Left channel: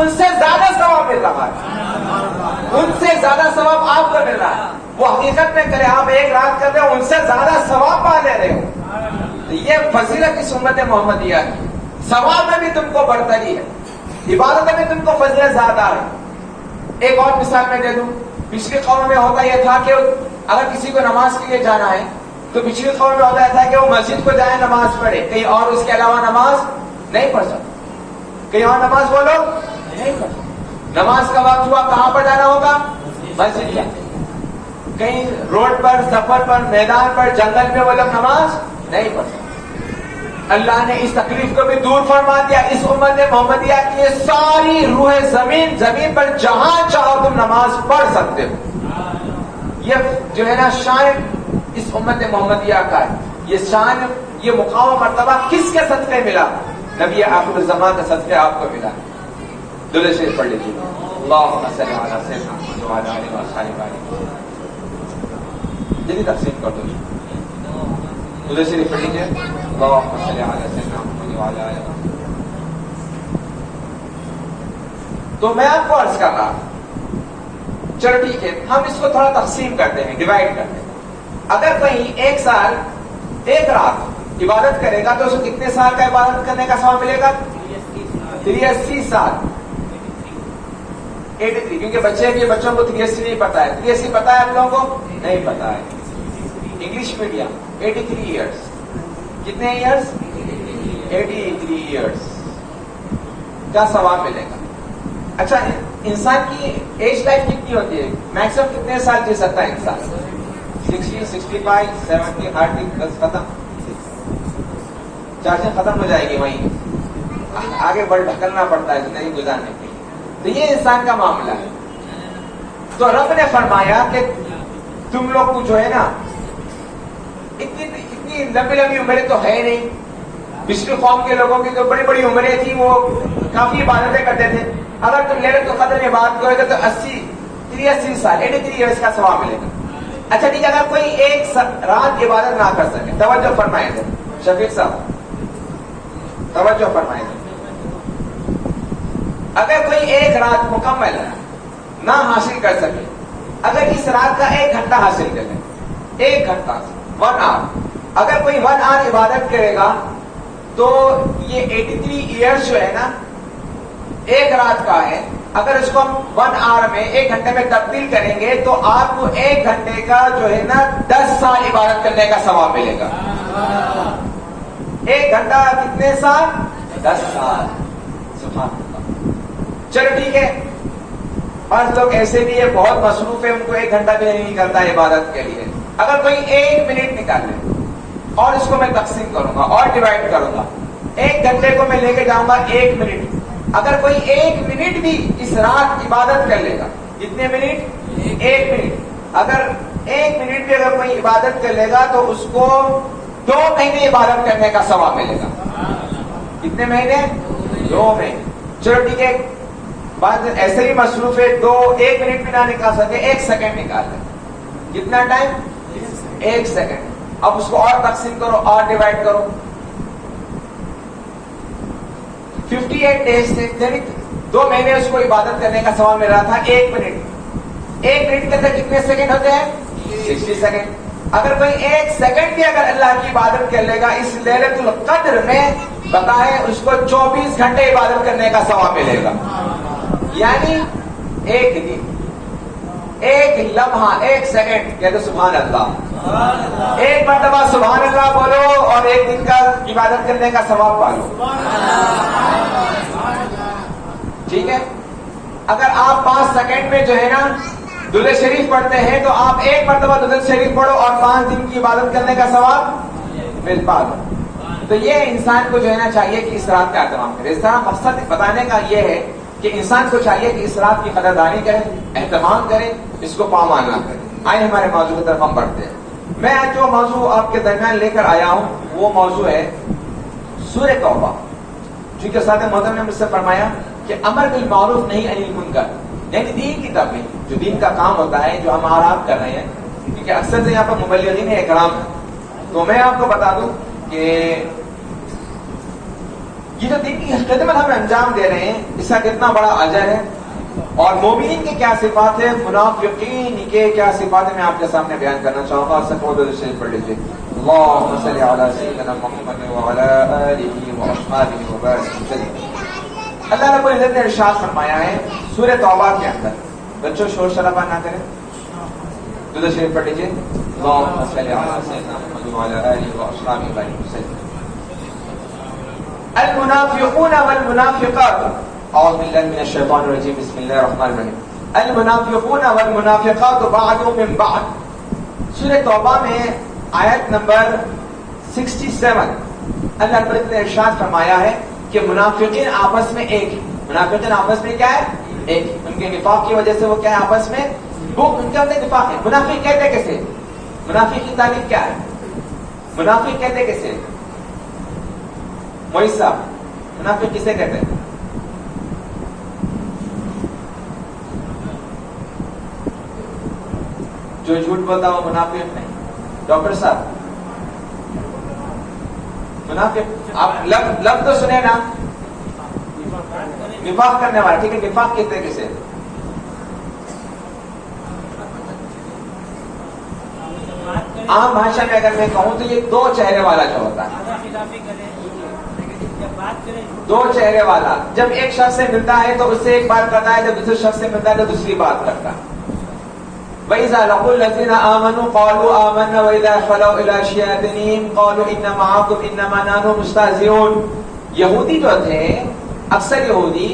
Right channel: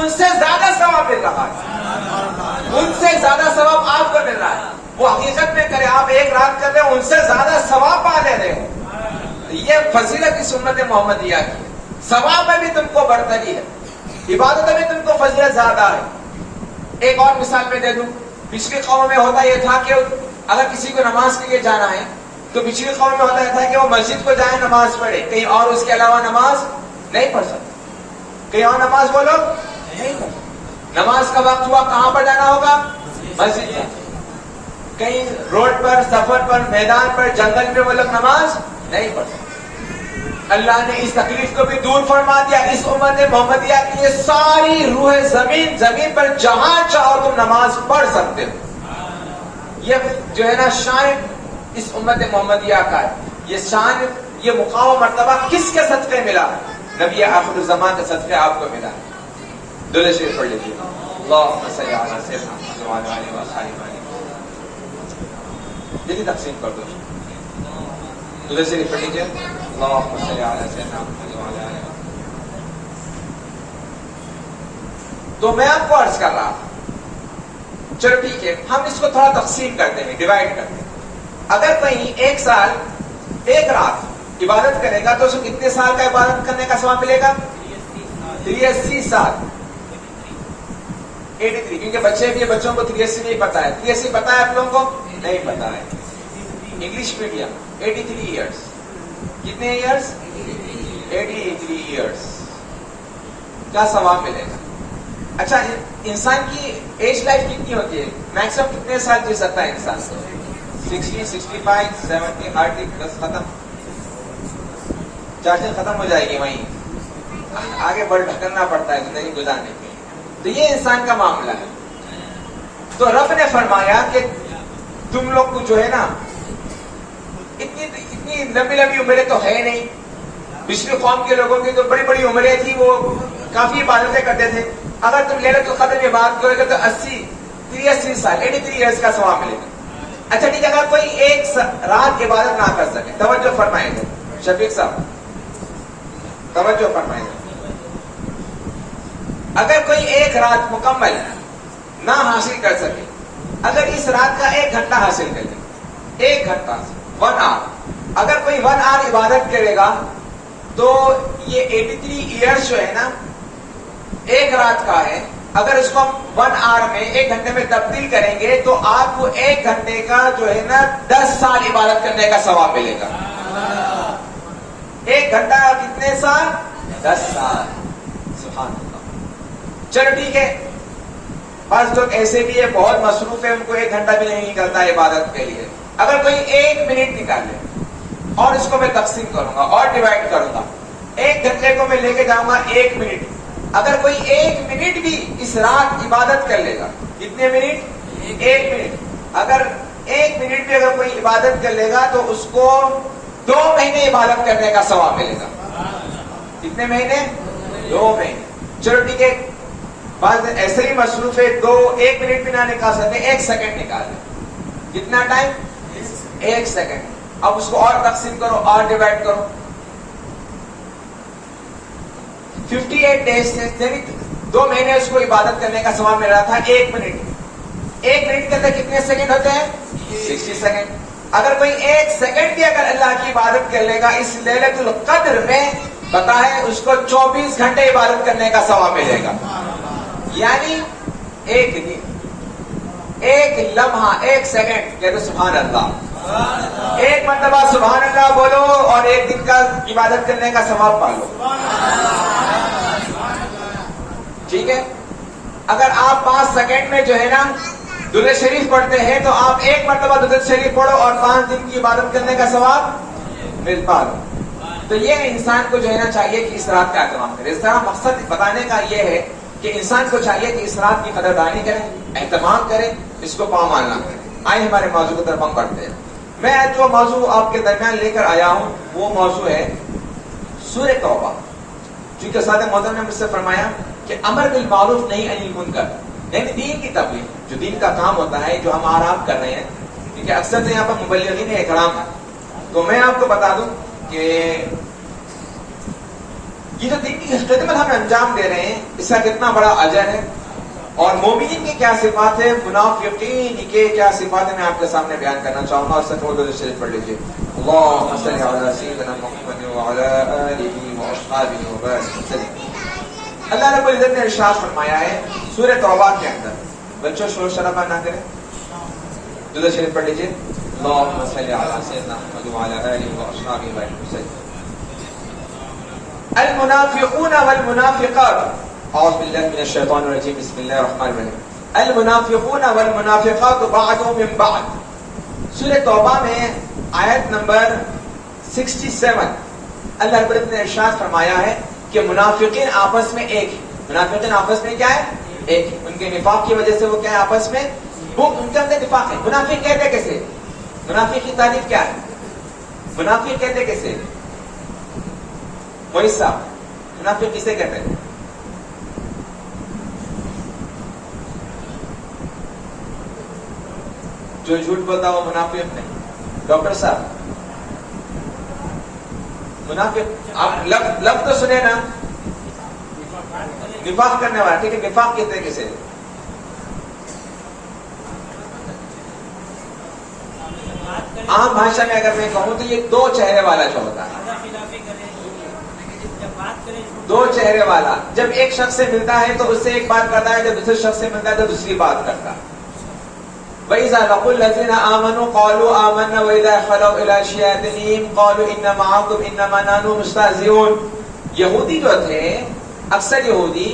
ان سے زیادہ ثواب مل رہا ہے، ان سے زیادہ ثواب آپ کو مل رہا ہے. وہ حقیقت میں کرے آپ ایک رات کر رہے ہو، ان سے زیادہ ثواب پا لے رہے ہو. یہ فضیلت اس امت محمدیہ کی. ثواب میں بھی تم کو برتری ہے، عبادت میں تم کو فضیلت زیادہ ہے. ایک اور مثال میں دے دوں. پچھلی قوم میں ہوتا یہ تھا کہ اگر کسی کو نماز کے لیے جانا ہے تو پچھلی قوم میں ہوتا یہ تھا کہ وہ مسجد کو جائے نماز پڑھے، کہیں اور اس کے علاوہ نماز نہیں پڑھ سکتے. کہیں اور نماز وہ لوگ نہیں پڑھ سکتے. نماز کا وقت ہوا کہاں پر جانا ہوگا؟ مسجد جانا. کہیں روڈ پر، سفر پر، میدان پر، جنگل میں وہ لوگ نماز نہیں پڑھ سکتے. اللہ نے اس تکلیف کو بھی دور فرما دیا. اس امت محمدیہ کے لیے ساری روح زمین پر جہاں چاہو تم نماز پڑھ سکتے ہو. یہ جو ہے نا شان اس امت محمدیہ کا ہے. یہ شان، یہ مقام و مرتبہ کس کے صدقے ملا؟ نبی آخر الزمان کے صدقے آپ کو ملا. درود شریف پڑھ لیجیے. اللہم صلی علی سیدنا محمد وعلی آلہ وصحبہ. جلدی تقسیم کر دو. درود شریف پڑھ لیجیے. اللہم صلی علی سیدنا محمد وعلی آلہ. تو میں آپ کو عرض کر رہا، چلو ٹھیک ہے، ہم اس کو تھوڑا تقسیم کرتے ہیں، ڈیوائڈ کرتے ہیں. اگر کوئی ایک سال ایک رات عبادت کرے گا تو اسے کتنے سال کا عبادت کرنے کا ثواب ملے گا؟ 83 سال. 83، کیونکہ بچوں کو 83 نہیں پتا ہے. 83 پتا ہے آپ لوگوں کو؟ نہیں پتا ہے. English medium 83 years. کتنے ایئرس؟ 83 ایئرس کا ثواب ملے گا. اچھا، انسان کی ایج لائف کتنی ہوتی ہے؟ میکسیمم کتنے سال جی سکتا ہے انسان؟ 60، 65، 70، 80، بس ختم. چارجنگ ختم ہو جائے گی، وہیں آگے بڑھ ڈھکلنا پڑتا ہے زندگی گزارنے کے لیے. تو یہ انسان کا معاملہ ہے. تو رب نے فرمایا کہ تم لوگ کو جو ہے نا اتنی لمبی عمریں تو ہے نہیں. پچھلی قوم کے لوگوں کی جو بڑی بڑی عمریں تھی وہ کافی عبادتیں کرتے تھے. اگر تم لیلۃ القدر میں بات کرو گے تو 83 سال 83 ایئرس کا ثواب ملے گا. اچھا ٹھیک ہے، اگر کوئی ایک رات عبادت نہ کر سکے، توجہ فرمائیں گے شفیق صاحب، توجہ فرمائیں گے. اگر کوئی ایک رات مکمل نہ حاصل کر سکے، اگر اس رات کا 1 گھنٹہ حاصل کر لے، 1 گھنٹہ 1 آور، اگر کوئی 1 آور عبادت کرے گا تو یہ 83 ایئرس جو ہے نا 1 رات کا ہے. اگر اس کو ہم 1 آور میں 1 گھنٹے میں تبدیل کریں گے تو آپ کو 1 گھنٹے کا جو ہے نا 10 سال عبادت کرنے کا ثواب ملے گا. 1 گھنٹہ کتنے سال؟ 10 سال. سبحان اللہ. چلو ٹھیک ہے، بعض لوگ ایسے بھی ہے بہت مصروف ہے، ان کو 1 گھنٹہ بھی نہیں نکلتا عبادت کے لیے. اگر کوئی 1 منٹ نکال لے اور اس کو میں تقسیم کروں گا اور ڈیوائڈ کروں گا، 1 گھنٹے کو میں لے کے جاؤں گا 1 منٹ. اگر کوئی 1 منٹ بھی اس رات عبادت کر لے گا، کتنے منٹ؟ 1 منٹ. اگر 1 منٹ بھی اگر کوئی عبادت کر لے گا تو اس کو 2 مہینے عبادت کرنے کا ثواب ملے گا. کتنے مہینے؟ 2 مہینے. چلو ٹھیک ہے، بعض دن ایسے ہی مصروف ہے 1 منٹ بھی نہ نکال سکے، 1 سیکنڈ نکال لیں. کتنا ٹائم؟ 1 سیکنڈ. اب اس کو اور تقسیم کرو اور ڈیوائڈ کرو. 58 ڈیز سے، یعنی 2 مہینے اس کو عبادت کرنے کا ثواب مل رہا تھا 1 منٹ. 1 منٹ کے اندر کتنے سیکنڈ ہوتے ہیں؟ 60 سیکنڈ. اگر کوئی 1 سیکنڈ بھی اگر اللہ کی عبادت کر لے گا اس لیلۃ القدر میں، بتائیں اس کو 24 گھنٹے عبادت کرنے کا ثواب ملے گا. یعنی 1 دن، 1 لمحہ، 1 سیکنڈ. کہتے سبحان اللہ. 1 مرتبہ سبحان اللہ بولو اور 1 دن کا عبادت کرنے کا ثواب پالو. ٹھیک ہے، اگر آپ 5 سیکنڈ میں جو ہے نا درود شریف پڑھتے ہیں تو آپ 1 مرتبہ درود شریف پڑھو اور 5 دن کی عبادت کرنے کا ثواب مل پالو. تو یہ انسان کو جو ہے نا چاہیے کہ اس رات کا اہتمام کرے. اس طرح مقصد بتانے کا یہ ہے کہ انسان کو چاہیے کہ اس رات کی قدردانی کرے، اہتمام کرے، اس کو پامال نہ کرے. آئے ہمارے موضوع کی طرف ہم بڑھتے ہیں. میں آج جو موضوع آپ کے درمیان لے کر آیا ہوں وہ موضوع ہے سورہ توبہ. چونکہ ساتھ محترم نے مجھ سے فرمایا کہ امر بالمعروف نہیں انل منکر، یعنی دین کی تبلیغ، جو دین کا کام ہوتا ہے جو ہم آرام کر رہے ہیں. کیونکہ اکثر سے یہاں پر مبلغین اکرام ہے. تو میں آپ کو بتا دوں کہ یہ جو دین کی خدمت ہم انجام دے رہے ہیں اس کا کتنا بڑا اجر ہے، اور مومنین کی کیا صفات ہے، منافقین کے کیا صفات ہے، میں آپ کے سامنے بیان کرنا چاہوں گا. اور سب درود شریف پڑھ لیجیے. اللهم صل على سيدنا محمد وعلى آله وأصحابه وبارك وسلم. اللہ رب العزت نے ارشاد فرمایا ہے سورہ توبہ کے اندر، بچوں شور شرابہ نہ کریں، درود شریف پڑھ لیجیے. اللهم صل على سيدنا محمد وعلى آله وأصحابه وبارك وسلم. المنافقون والمنافقات، اعوذ باللہ من الشیطان الرجیم، بسم اللہ الرحمن الرحیم. المنافقون والمنافقات بعضهم من بعض. سورہ توبہ میں آیت نمبر 67 اللہ رب العزت نے ارشاد فرمایا ہے کہ منافقین آپس میں ایک، منافقین آپس میں کیا ہے، ایک. ان کے نفاق کی وجہ سے وہ کیا ہے آپس میں، وہ ان کے اندر نفاق ہے. منافق کہتے کیسے، منافق کی تعریف کیا ہے، منافق کہتے کیسے، موئی صاحب منافق کسے کہتے ہیں؟ جو جھوٹ بولتا وہ منافق نہیں. ڈاکٹر صاحب منافق، آپ لفظ تو سنے نا، نفاق کرنے والا. ٹھیک ہے، نفاق کہتے کسے، عام بھاشا میں اگر میں کہوں تو یہ دو چہرے والا جو ہوتا ہے، دو چہرے والا. جب ایک شخص سے ملتا ہے تو اس سے ایک بات کرتا ہے، جب دوسرے شخص سے ملتا ہے تو دوسری بات کرتا ہے. وَإِذَا لَقُوا الَّذِينَ آمَنُوا قَالُوا آمَنَّا وَإِذَا خَلَوْا إِلَىٰ شَيَاطِينِهِمْ قَالُوا إِنَّا مَعَكُمْ إِنَّمَا نَحْنُ مُسْتَهْزِئُونَ. یہودی جو تھے، اکثر یہودی،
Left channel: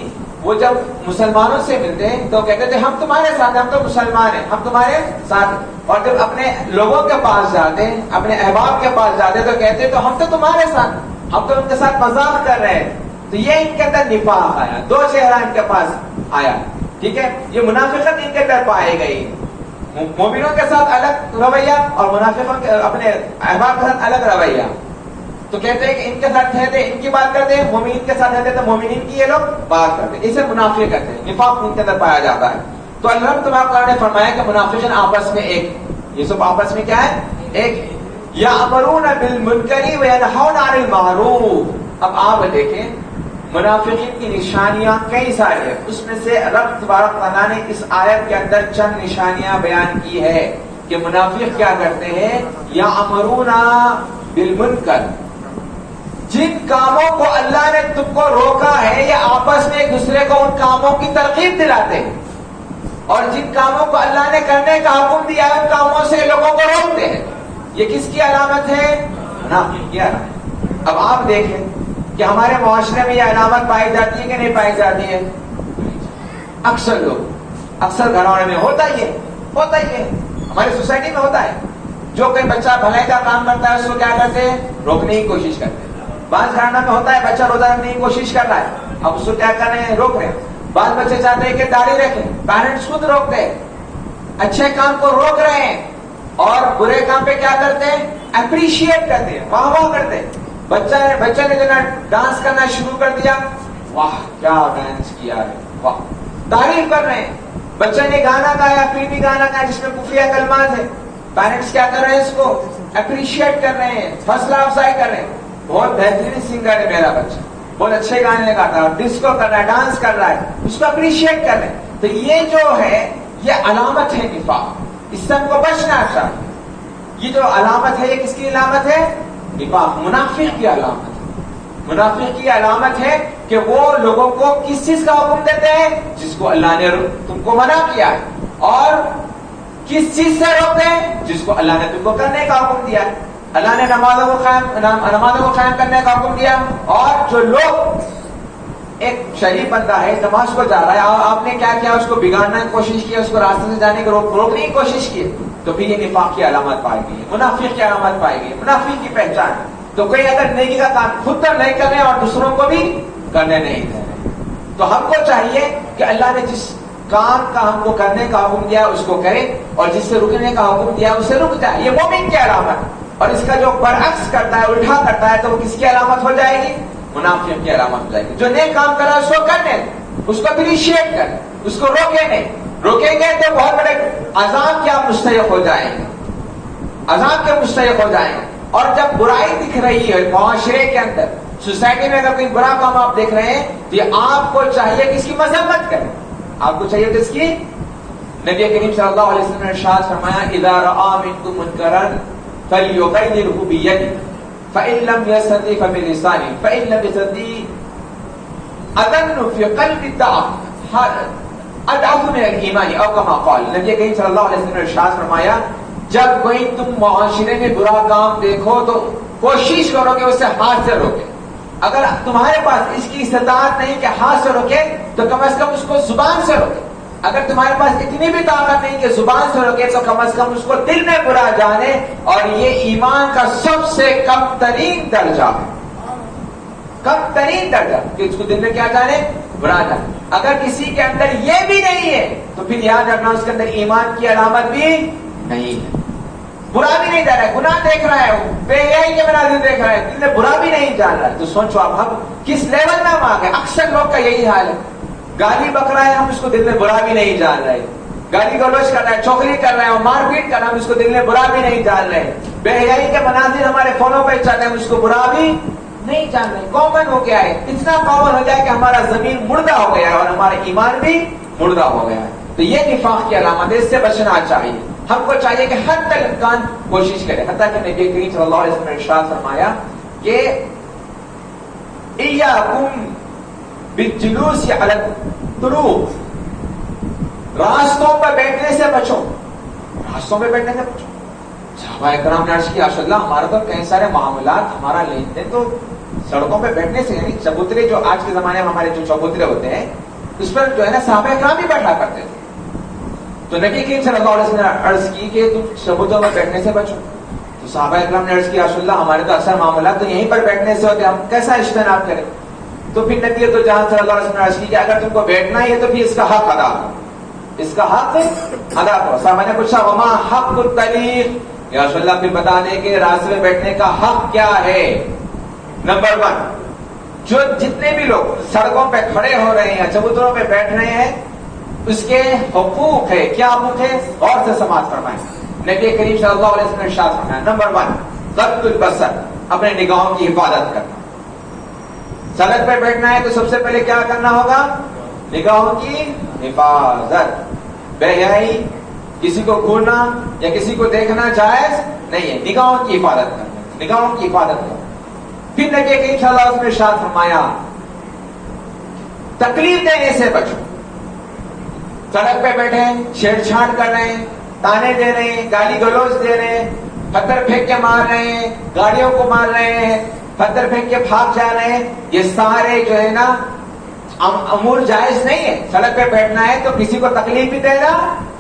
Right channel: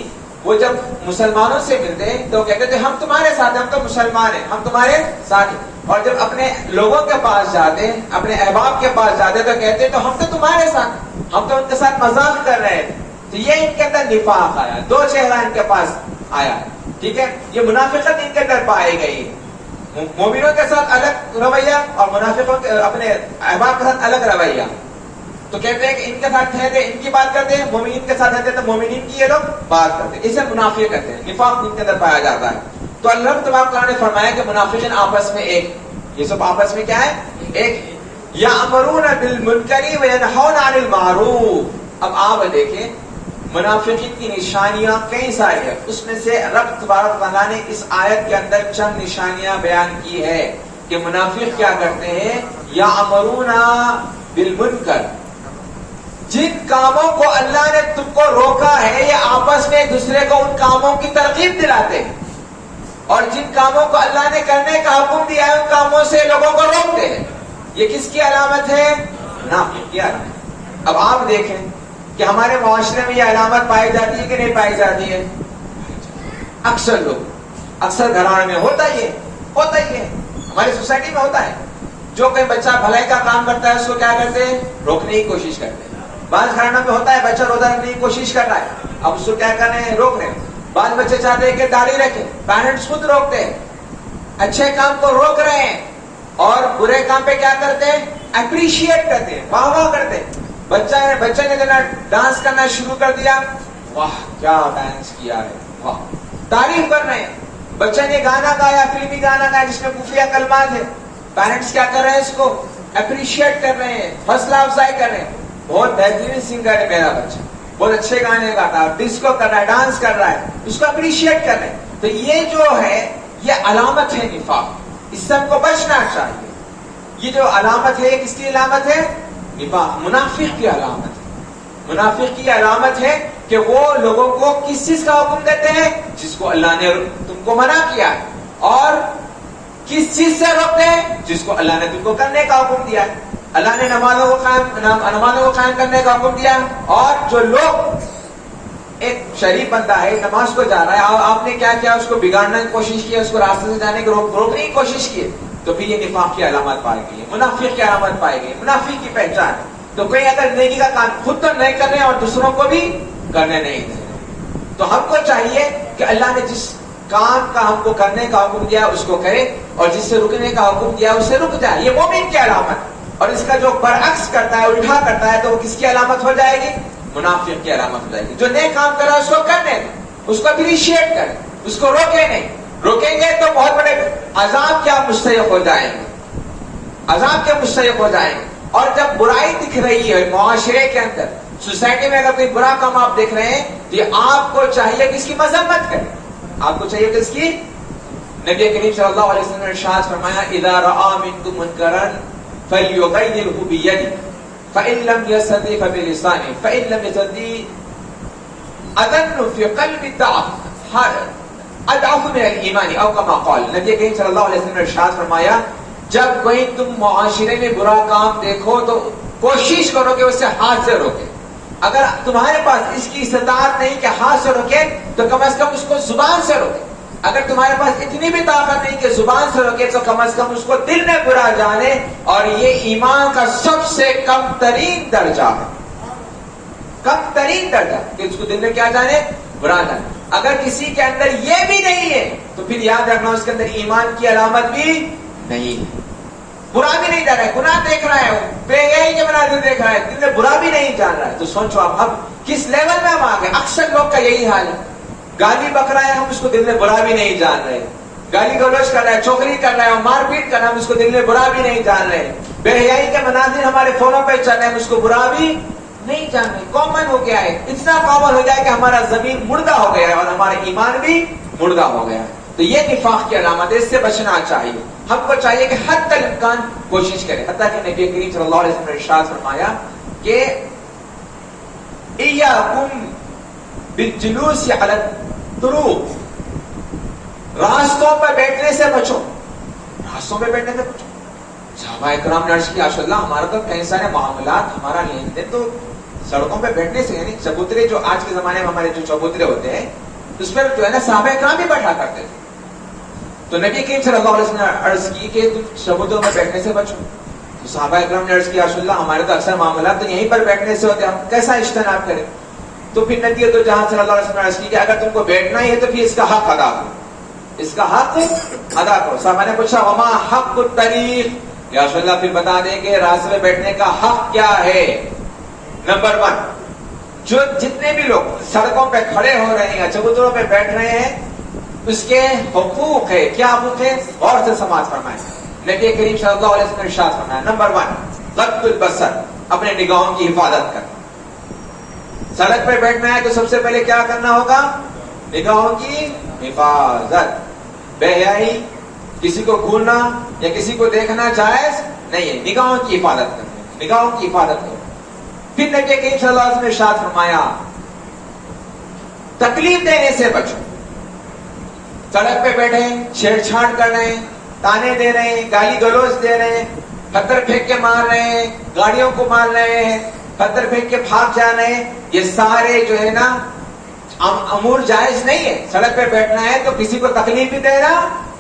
وہ جب مسلمانوں سے ملتے تو کہتے تھے ہم تمہارے ساتھ ہیں، ہم تو مسلمان ہیں، ہم تمہارے ساتھ ہیں. اور جب اپنے لوگوں کے پاس جاتے، اپنے احباب کے پاس جاتے تو کہتے تو ہم تو تمہارے ساتھ، ہم تو ان کے ساتھ مذاق کر رہے ہیں. تو یہ ان کے اندر نفاق آیا، دو چہرہ ان کے پاس آیا. ٹھیک ہے، یہ منافقت ان کے اندر پائی گئی. مومنوں کے ساتھ الگ رویہ اور منافقوں کے اپنے احباب کے ساتھ الگ رویہ. تو کہتے ہیں کہ ان کے ساتھ رہتے ان کی بات کرتے ہیں، مومنین کے ساتھ رہتے تو مومنین کی یہ لوگ بات کرتے ہیں. اسے منافق کہتے ہیں، نفاق ان کے اندر پایا جاتا ہے. تو اللہ تبارک تعالیٰ نے فرمایا کہ منافقین آپس میں ایک، یہ سب آپس میں کیا ہے، ایک. یأمرون بالمنکر وینہون عن المعروف. اب آپ دیکھیں منافقین کی نشانیاں کئی سارے ہیں، اس میں سے رب تبارک تعالیٰ نے اس آیت کے اندر چند نشانیاں بیان کی ہے کہ منافق کیا کرتے ہیں. یأمرون بالمنکر، جن کاموں کو اللہ نے تم کو روکا ہے یہ آپس میں ایک دوسرے کو ان کاموں کی ترغیب دلاتے ہیں، اور جن کاموں کو اللہ نے کرنے کا حکم دیا ہے ان کاموں سے لوگوں کو روکتے ہیں. یہ کس کی علامت ہے، منافق کی علامت. اب آپ دیکھیں کہ ہمارے معاشرے میں یہ علامت پائی جاتی ہے کہ نہیں پائی جاتی ہے. اکثر لوگ، اکثر گھرانوں میں ہوتا ہی ہے، ہماری سوسائٹی میں ہوتا ہے. جو کوئی بچہ بھلائی کا کام کرتا ہے اس کو کیا کرتے ہیں، روکنے کی کوشش کرتے ہیں. بعض گھرانوں میں ہوتا ہے بچہ روزہ رکھنے کی کوشش کر رہا ہے، اب اس کو کیا کرنے ہیں، روک رہے ہیں. بعض بچے چاہتے ہیں کہ داڑھی رکھیں، پیرنٹس خود روکتے ہیں. اچھے کام کو روک رہے ہیں اور برے کام پہ کیا کرتے ہیں، اپریشیٹ کرتے ہیں، واہ واہ کرتے ہیں. بچے نے جب ڈانس کرنا شروع کر دیا، واہ کیا ڈانس کیا ہے، واہ، تعریف کر رہے ہیں. بچے نے گانا گایا، فلمی گانا گایا جس میں خفیہ کلمات ہیں، پیرنٹس کیا کر رہے ہیں، اس کو اپریشیٹ کر رہے ہیں، حوصلہ افزائی کر رہے ہیں. بہت بہترین سنگر ہے میرا بچہ، بہت اچھے گانے گاتا ہے، ڈسکو کر رہا ہے، ڈانس کر رہا ہے، اس کو اپریشیٹ کر رہے ہیں. تو یہ جو ہے یہ علامت ہے نفاق، اس سے ہم کو بچنا چاہیے. یہ جو علامت ہے یہ کس کی علامت ہے، نفاق، منافق کی علامت ہے. منافق کی علامت ہے کہ وہ لوگوں کو کس چیز کا حکم دیتے ہیں، جس کو اللہ نے تم کو منع کیا ہے، اور کس چیز سے روکتے ہیں، جس کو اللہ نے تم کو کرنے کا حکم دیا ہے. اللہ نے نمازوں کو قائم کرنے کا حکم دیا، اور جو لوگ، ایک شریف بندہ ہے نماز کو جا رہا ہے اور آپ نے کیا کیا، اس کو بگاڑنے کی کوشش کی، اس کو راستے سے جانے کی روکنے کی کوشش کی، تو پھر یہ نفاق کی علامت پائی گئی ہے، منافق کی علامت پائی گئی، منافق کی پہچان ہے. تو کوئی اگر نیکی کا کام خود تو نہیں کرنے اور دوسروں کو بھی کرنے نہیں دیں، تو ہم کو چاہیے کہ اللہ نے جس کام کا ہم کو کرنے کا حکم دیا اس کو کرے، اور جس سے رکنے کا حکم دیا اس سے رک جائے. یہ مومن کی علامت. اور اس کا جو برعکس کرتا ہے، الٹا کرتا ہے، تو وہ کس کی علامت ہو جائے گی، منافق کی علامت ہو جائے گی. جو نیک کام کرا اس کو کرنے، اس کو اپریشیٹ کریں، اس کو روکے نہیں. روکیں گے تو بہت بڑے عذاب کے آپ مستحق ہو جائیں گے، عذاب کے مستحق ہو جائیں گے. اور جب برائی دکھ رہی ہے معاشرے کے اندر، سوسائٹی میں اگر کوئی برا کام آپ دیکھ رہے ہیں تو یہ آپ کو چاہیے کہ اس کی مذمت کریں. آپ کو چاہیے کہ اس کی. نبی کریم صلی اللہ علیہ وسلم نے ارشاد فرمایا اذا رأى منكم منکرا فليغيره بيده فإن لم يستطع فبلسانه فإن لم يستطع أذن في قلب اضعف من الایمان او کما قال. نبی کریم صلی اللہ علیہ وسلم نے ارشاد فرمایا جب کوئی تم معاشرے میں برا کام دیکھو تو کوشش کرو کہ اسے ہاتھ سے روکے. اگر تمہارے پاس اس کی استطاعت نہیں کہ ہاتھ سے روکے تو کم از کم اس کو زبان سے روکے. اگر تمہارے پاس اتنی بھی طاقت نہیں کہ زبان سے روکے تو کم از کم اس کو دل میں برا جانے. اور یہ ایمان کا سب سے کم ترین درجہ ہے. کم ترین درجہ کہ اس کو دل میں کیا جانے؟ برا جانے. اگر کسی کے اندر یہ بھی نہیں ہے تو پھر یاد رکھنا اس کے اندر ایمان کی علامت بھی نہیں. برا بھی نہیں جا رہا ہے, گناہ دیکھ رہا ہے, بے حیائی کے مناظر دیکھ رہا ہے, دل میں برا بھی نہیں جان رہا ہے. تو سوچو اب کس لیول میں ہم آ گئے. اکثر لوگ کا یہی حال ہے. گالی بک رہا ہے, ہم اس کو دل میں برا بھی نہیں جان رہے. گالی گلوچ کر رہا ہے, چغلی کر رہا ہے, مار پیٹ کر رہا ہے, ہم اس کو دل میں برا بھی نہیں جان رہے. بے حیائی کے مناظر ہمارے فونوں پہ چل رہے ہیں, ہم اس کو برا بھی نہیں جان رہے. کامن ہو گیا ہے, اتنا کامن ہو گیا ہے کہ ہمارا زمین مردہ ہو گیا ہے اور ہمارا ایمان بھی مردہ ہو گیا ہے. تو یہ نفاق کی علامت ہے, اس سے بچنا چاہیے. ہم کو چاہیے کہ حد تک امکان کوشش کریں. حتیٰ کہ نبی کریم صلی اللہ علیہ وسلم نے ارشاد فرمایا کہ ایاکم بالجلوس علی الطرق, راستوں پر بیٹھنے سے بچو. راستوں پہ بیٹھنے سے بچو. صحابہ اکرام نے عرض کیا رسول اللہ ہمارا تو کئی سارے معاملات, ہمارا لین دین تو سڑکوں پہ بیٹھنے سے, یعنی چبوترے جو آج کے زمانے میں ہمارے جو چبوترے ہوتے ہیں اس پر جو ہے نا صحابہ اکرام بھی بیٹھا کرتے تھے. تو نبی کریم صلی اللہ علیہ وسلم نے عرض کی کہ تم چبوتروں میں بیٹھنے سے بچو. تو صحابہ اکرام نے عرض کیا رسول اللہ ہمارے تو اکثر معاملات تو یہیں پر بیٹھنے سے ہوتے ہیں, ہم کیسا اجتناب کریں. تو پھر نبی تو جہاں صلی اللہ علیہ وسلم نے عرض کی کہ اگر تم کو بیٹھنا ہی ہے تو پھر اس کا حق ادا کرو, اس کا حق ادا کرو. صحابہ نے پوچھا وما حق الطریق, یا رسول اللہ پھر بتا دیں کہ راستے میں بیٹھنے کا حق کیا ہے. نمبر 1, جو جتنے بھی لوگ سڑکوں پہ کھڑے ہو رہے ہیں, چبوتروں پہ بیٹھ رہے ہیں, اس کے حقوق ہے. کیا حقوق ہے؟ غور سے سماعت فرمائیں. نبی کریم صلی اللہ علیہ وسلم نے ارشاد فرمایا نمبر 1 غض البصر, اپنے نگاہوں کی حفاظت کرنا. سڑک پہ بیٹھنا ہے تو سب سے پہلے کیا کرنا ہوگا؟ نگاہوں کی حفاظت. بے حیائی, کسی کو گھورنا یا کسی کو دیکھنا جائز نہیں ہے. نگاہوں کی حفاظت کرنا, نگاہوں کی حفاظت کرنا. پھر نبی کریم صلی اللہ علیہ وسلم نے ارشاد فرمایا تکلیف دینے سے بچو. سڑک پہ بیٹھے چھیڑ چھاڑ کر رہے ہیں, تانے دے رہے ہیں, گالی گلوچ دے رہے ہیں, پتھر پھینک کے مار رہے ہیں, گاڑیوں کو مار رہے ہیں, پتھر پھینک کے بھاگ جا رہے ہیں, یہ سارے جو ہے نا امور جائز نہیں ہے. سڑک پہ بیٹھنا ہے تو کسی کو تکلیف بھی دینا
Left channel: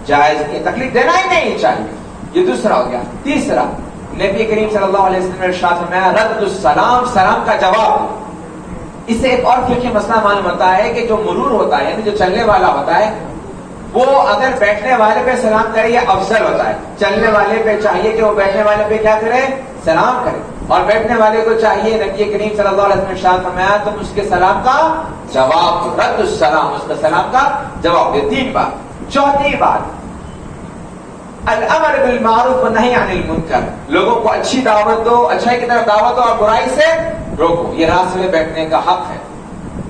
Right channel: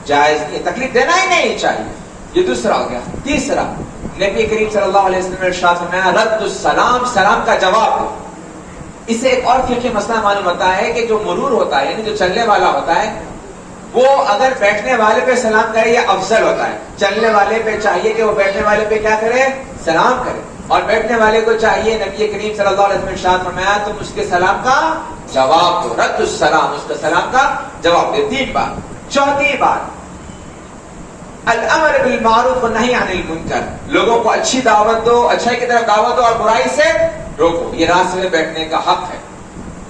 جائز نہیں, تکلیف دینا ہی نہیں چاہیے. یہ دوسرا ہو گیا. تیسرا, نبی کریم صلی اللہ علیہ وسلم نے ارشاد فرمایا رد السلام, سلام کا جواب دو. اس سے ایک اور فقہی مسئلہ معلوم ہوتا ہے کہ جو مرور ہوتا ہے, یعنی جو چلنے والا ہوتا ہے, وہ اگر بیٹھنے والے پہ سلام کرے یہ افضل ہوتا ہے. چلنے والے پہ چاہیے کہ وہ بیٹھنے والے پہ کیا کرے؟ سلام کرے. اور بیٹھنے والے کو چاہیے, نبی کریم صلی اللہ علیہ وسلم نے ارشاد فرمایا تم اس کے سلام کا جواب دو. رد السلام, اس کے سلام کا جواب دے. 3 بات. چوتھی بات الامر بالمعروف والنہی عن المنکر, لوگوں کو اچھی دعوت دو, اچھائی کی طرف دعوت دو اور برائی سے روکو. یہ راستے میں بیٹھنے کا حق ہے.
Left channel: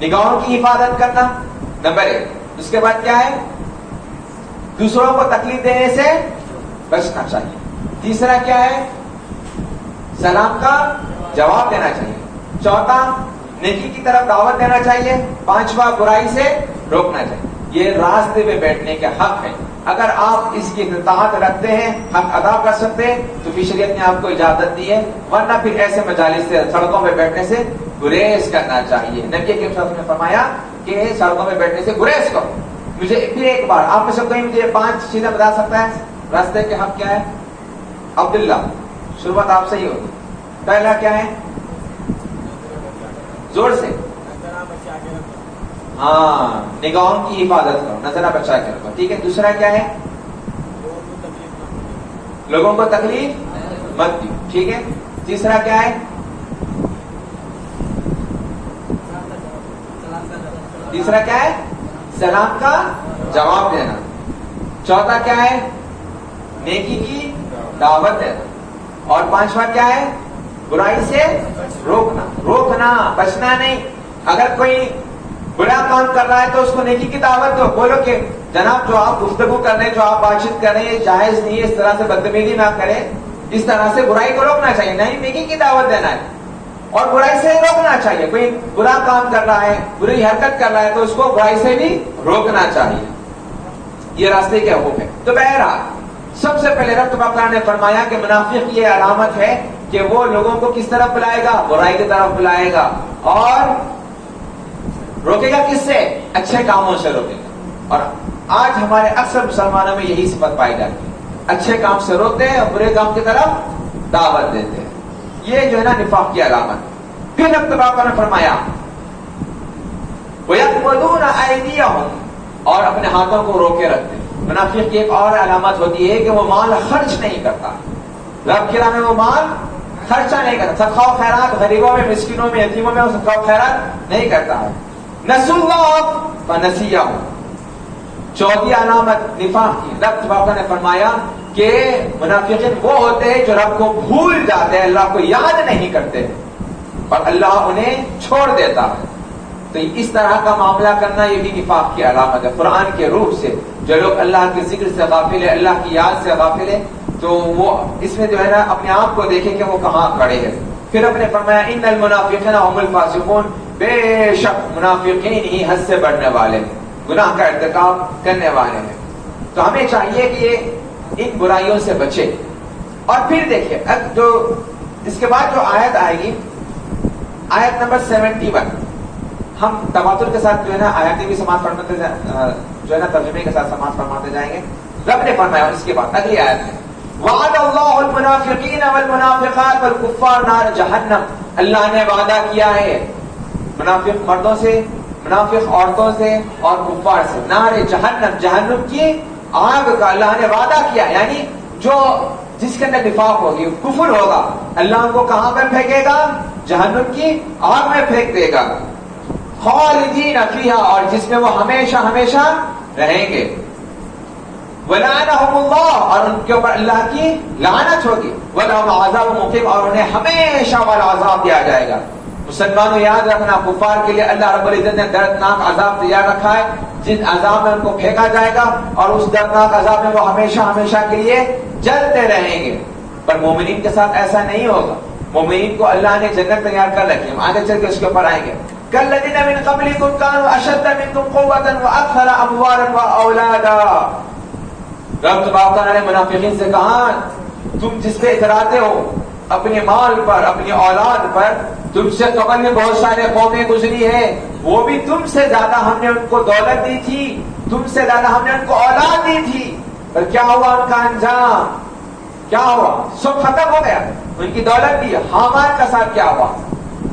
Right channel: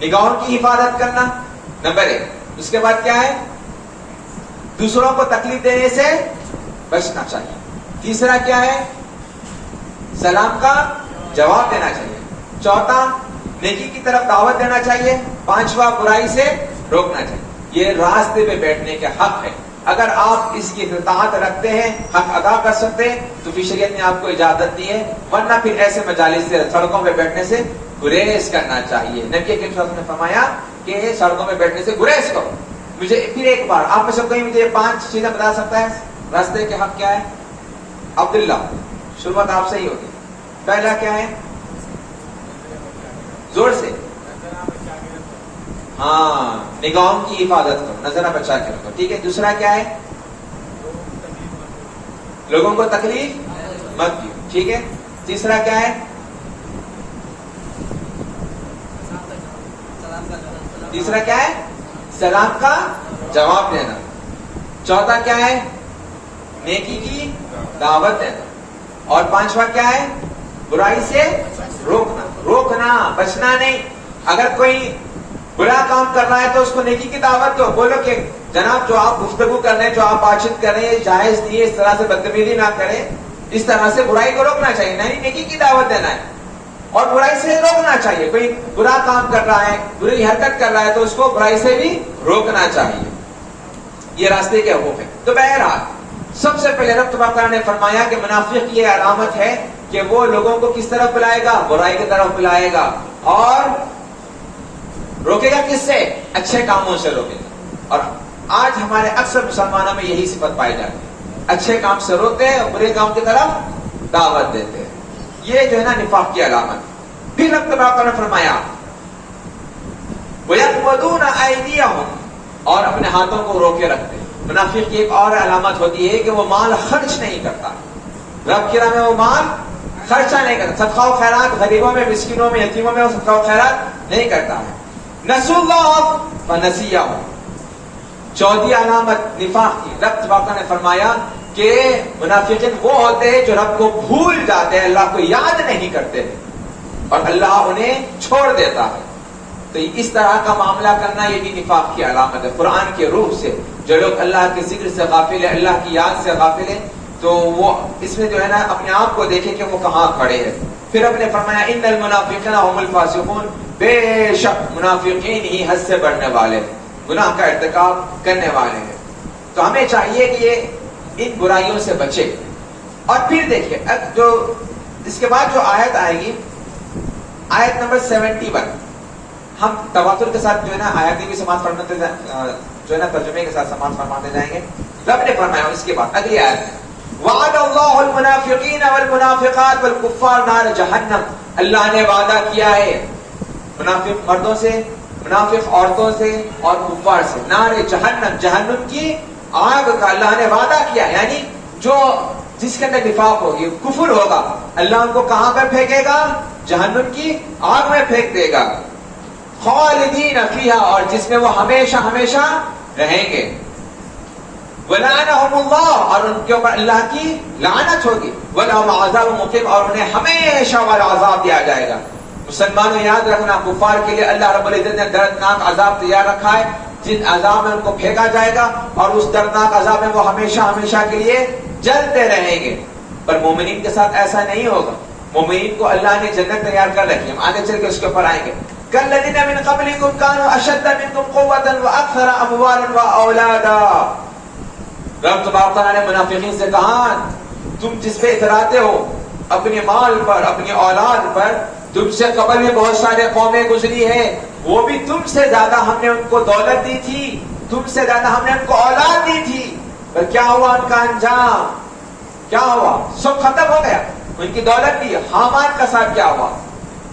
نگاہوں کی حفاظت کرنا نمبر 1. اس کے بعد کیا ہے؟ دوسروں کو تکلیف دینے سے بچنا چاہیے. تیسرا کیا ہے؟ سلام کا جواب دینا چاہیے. چوتھا نیکی کی طرف دعوت دینا چاہیے. 5واں برائی سے روکنا چاہیے. یہ راستے پہ بیٹھنے کے حق ہے. اگر آپ اس کی اطاعت رکھتے ہیں, حق ادا کر سکتے ہیں, تو پھر شریعت نے آپ کو اجازت دی ہے. ورنہ پھر ایسے مجالس سے, سڑکوں پہ بیٹھنے سے گریز کرنا چاہیے. نبی کریم صلی اللہ علیہ وسلم نے فرمایا کہ سڑکوں پہ بیٹھنے سے گریز کرو. مجھے پھر ایک بار آپ میں سے کوئی مجھے 5 چیزیں بتا سکتا ہے راستے کے حق کیا ہے؟ عبداللہ, شروعات آپ سے ہی ہوگی. پہلا کیا ہے؟ زور سے. ہاں, نگاہوں کی حفاظت کرو, نظرہ بچا کے رکھو. ٹھیک ہے. دوسرا کیا ہے؟ لوگوں کو تکلیف مت دو. ٹھیک ہے. تیسرا کیا ہے؟ تیسرا کیا ہے؟ سلام کا جواب دینا. چوتھا کیا ہے؟ نیکی کی دعوت دینا. اور 5واں کیا ہے؟ برائی سے روکنا. روکنا بچنا نہیں. اگر کوئی برا کام کر رہا ہے تو اس کو نیکی کی دعوت دو. بولو کہ جناب جو آپ گفتگو کر رہے ہیں, جو آپ بات چیت کر رہے ہیں, یہ جائز نہیں ہے, اس طرح سے بدتمیزی نہ کریں, اس طرح سے برائی کو روکنا چاہیے. نہیں, نیکی کی دعوت دینا ہے اور برائی سے روکنا چاہیے. کوئی برا کام کر رہا ہے, بری حرکت کر رہا ہے تو اس کو برائی سے بھی روکنا چاہیے. یہ راستے کے حکم ہے. تو بہرحال سب سے پہلے رب تبارک و تعالیٰ نے فرمایا کہ منافق کی یہ علامت ہے کہ وہ لوگوں کو کس طرف بلائے گا؟ برائی کی طرف بلائے گا. اور روکے گا کس سے؟ اچھے کاموں سے روکے گا. اور آج ہمارے اکثر مسلمانوں میں یہی صفت پائی جاتی ہے, اچھے کام سے روکتے ہیں اور برے کام کی طرف دعوت دیتے ہیں. یہ جو ہے نا نفاق کی علامت. پھر رب تبارک و تعالیٰ نے فرمایا وَيَقْبِضُونَ أَيْدِيَهُمْ, اور اپنے ہاتھوں کو روکے رکھتے ہیں. منافق کی ایک اور علامت ہوتی ہے کہ وہ مال خرچ نہیں کرتا. رب کی راہ میں وہ مال خرچہ نہیں کرتا. صدقہ و خیرات غریبوں میں, مسکینوں میں, یتیموں میں صدقہ و خیرات نہیں کرتا ہے. نسوا اللہ فنسیہم. چوتھی علامت نفاق کی, رب تبارک نے فرمایا کہ منافقین وہ ہوتے ہیں جو رب کو بھول جاتے ہیں, اللہ کو یاد نہیں کرتے اور اللہ انہیں چھوڑ دیتا ہے. تو اس طرح کا معاملہ کرنا یہ بھی نفاق کی علامت ہے. قرآن کے روح سے جو لوگ اللہ کے ذکر سے غافل ہے, اللہ کی یاد سے غافل ہے, تو وہ اس میں جو ہے نا اپنے آپ کو دیکھے کہ وہ کہاں کھڑے ہیں. پھر اپنے فرمایا ان المنافقین هم الفاسقون, بے شک منافقین ہی حد سے بڑھنے والے ہیں, گناہ کا ارتکاب کرنے والے ہیں. تو ہمیں چاہیے کہ یہ ان برائیوں سے بچے. اور پھر دیکھیے جو اس کے بعد جو آیت آئے گی, آیت نمبر 71, ہم تواتر کے ساتھ جو ہے نا آیاتی بھی سماعت فرماتے جو ہے نا ترجمے کے ساتھ سماعت فرماتے جائیں گے. رب نے فرمایا اس کے بعد اگلی آیت میں وعد اللہ المنافقین والمنافقات والکفار نار جہنم, اللہ نے وعدہ کیا ہے منافق مردوں سے, منافق عورتوں سے اور کفار سے, نار جہنم, جہنم کی آگ کا اللہ نے وعدہ کیا. یعنی جو جس کے اندر نفاق ہوگی, کفر ہوگا, اللہ ان کو کہاں پر پھینکے گا؟ جہنم کی آگ میں پھینک دے گا. خالدین فیہا, اور جس میں وہ ہمیشہ ہمیشہ رہیں گے. وَلَعَنَهُمُ اللَّهُ, اور ان کے اوپر اللہ کی لعنت ہوگی. وَلَهُمْ عَذَابٌ مُقِيمٌ, اور انہیں ہمیشہ والا عذاب دیا جائے گا. مسلمانوں یاد رکھنا, کفار کے لیے اللہ رب العزت نے دردناک عذاب تیار رکھا ہے, جن عذاب میں ان کو پھینکا جائے گا اور اس دردناک عذاب میں وہ ہمیشہ ہمیشہ کے لیے جلتے رہیں گے. پر مومنین کے ساتھ ایسا نہیں ہوگا. مومنین کو اللہ نے جنت تیار کر رکھی ہے, ہم آگے چل کے اس کے اوپر آئیں گے. كَالَّذِينَ مِن قَبْلِكُمْ كَانُوا أَشَدَّ مِنكُمْ قُوَّةً وَأَكْثَرَ أَمْوَالًا وَأَوْلَادًا. رب تبارک تعالیٰ نے منافقین سے کہا تم جس پہ اتراتے ہو اپنے مال پر, اپنی اولاد پر, تم سے قبل میں بہت سارے قومیں گزری ہیں, وہ بھی تم سے زیادہ ہم نے ان کو دولت دی تھی, تم سے زیادہ ہم نے ان کو اولاد دی تھی, پر کیا ہوا ان کا انجام؟ کیا ہوا؟ سب ختم ہو گیا. ان کی دولت بھی. حامان کا ساتھ کیا ہوا؟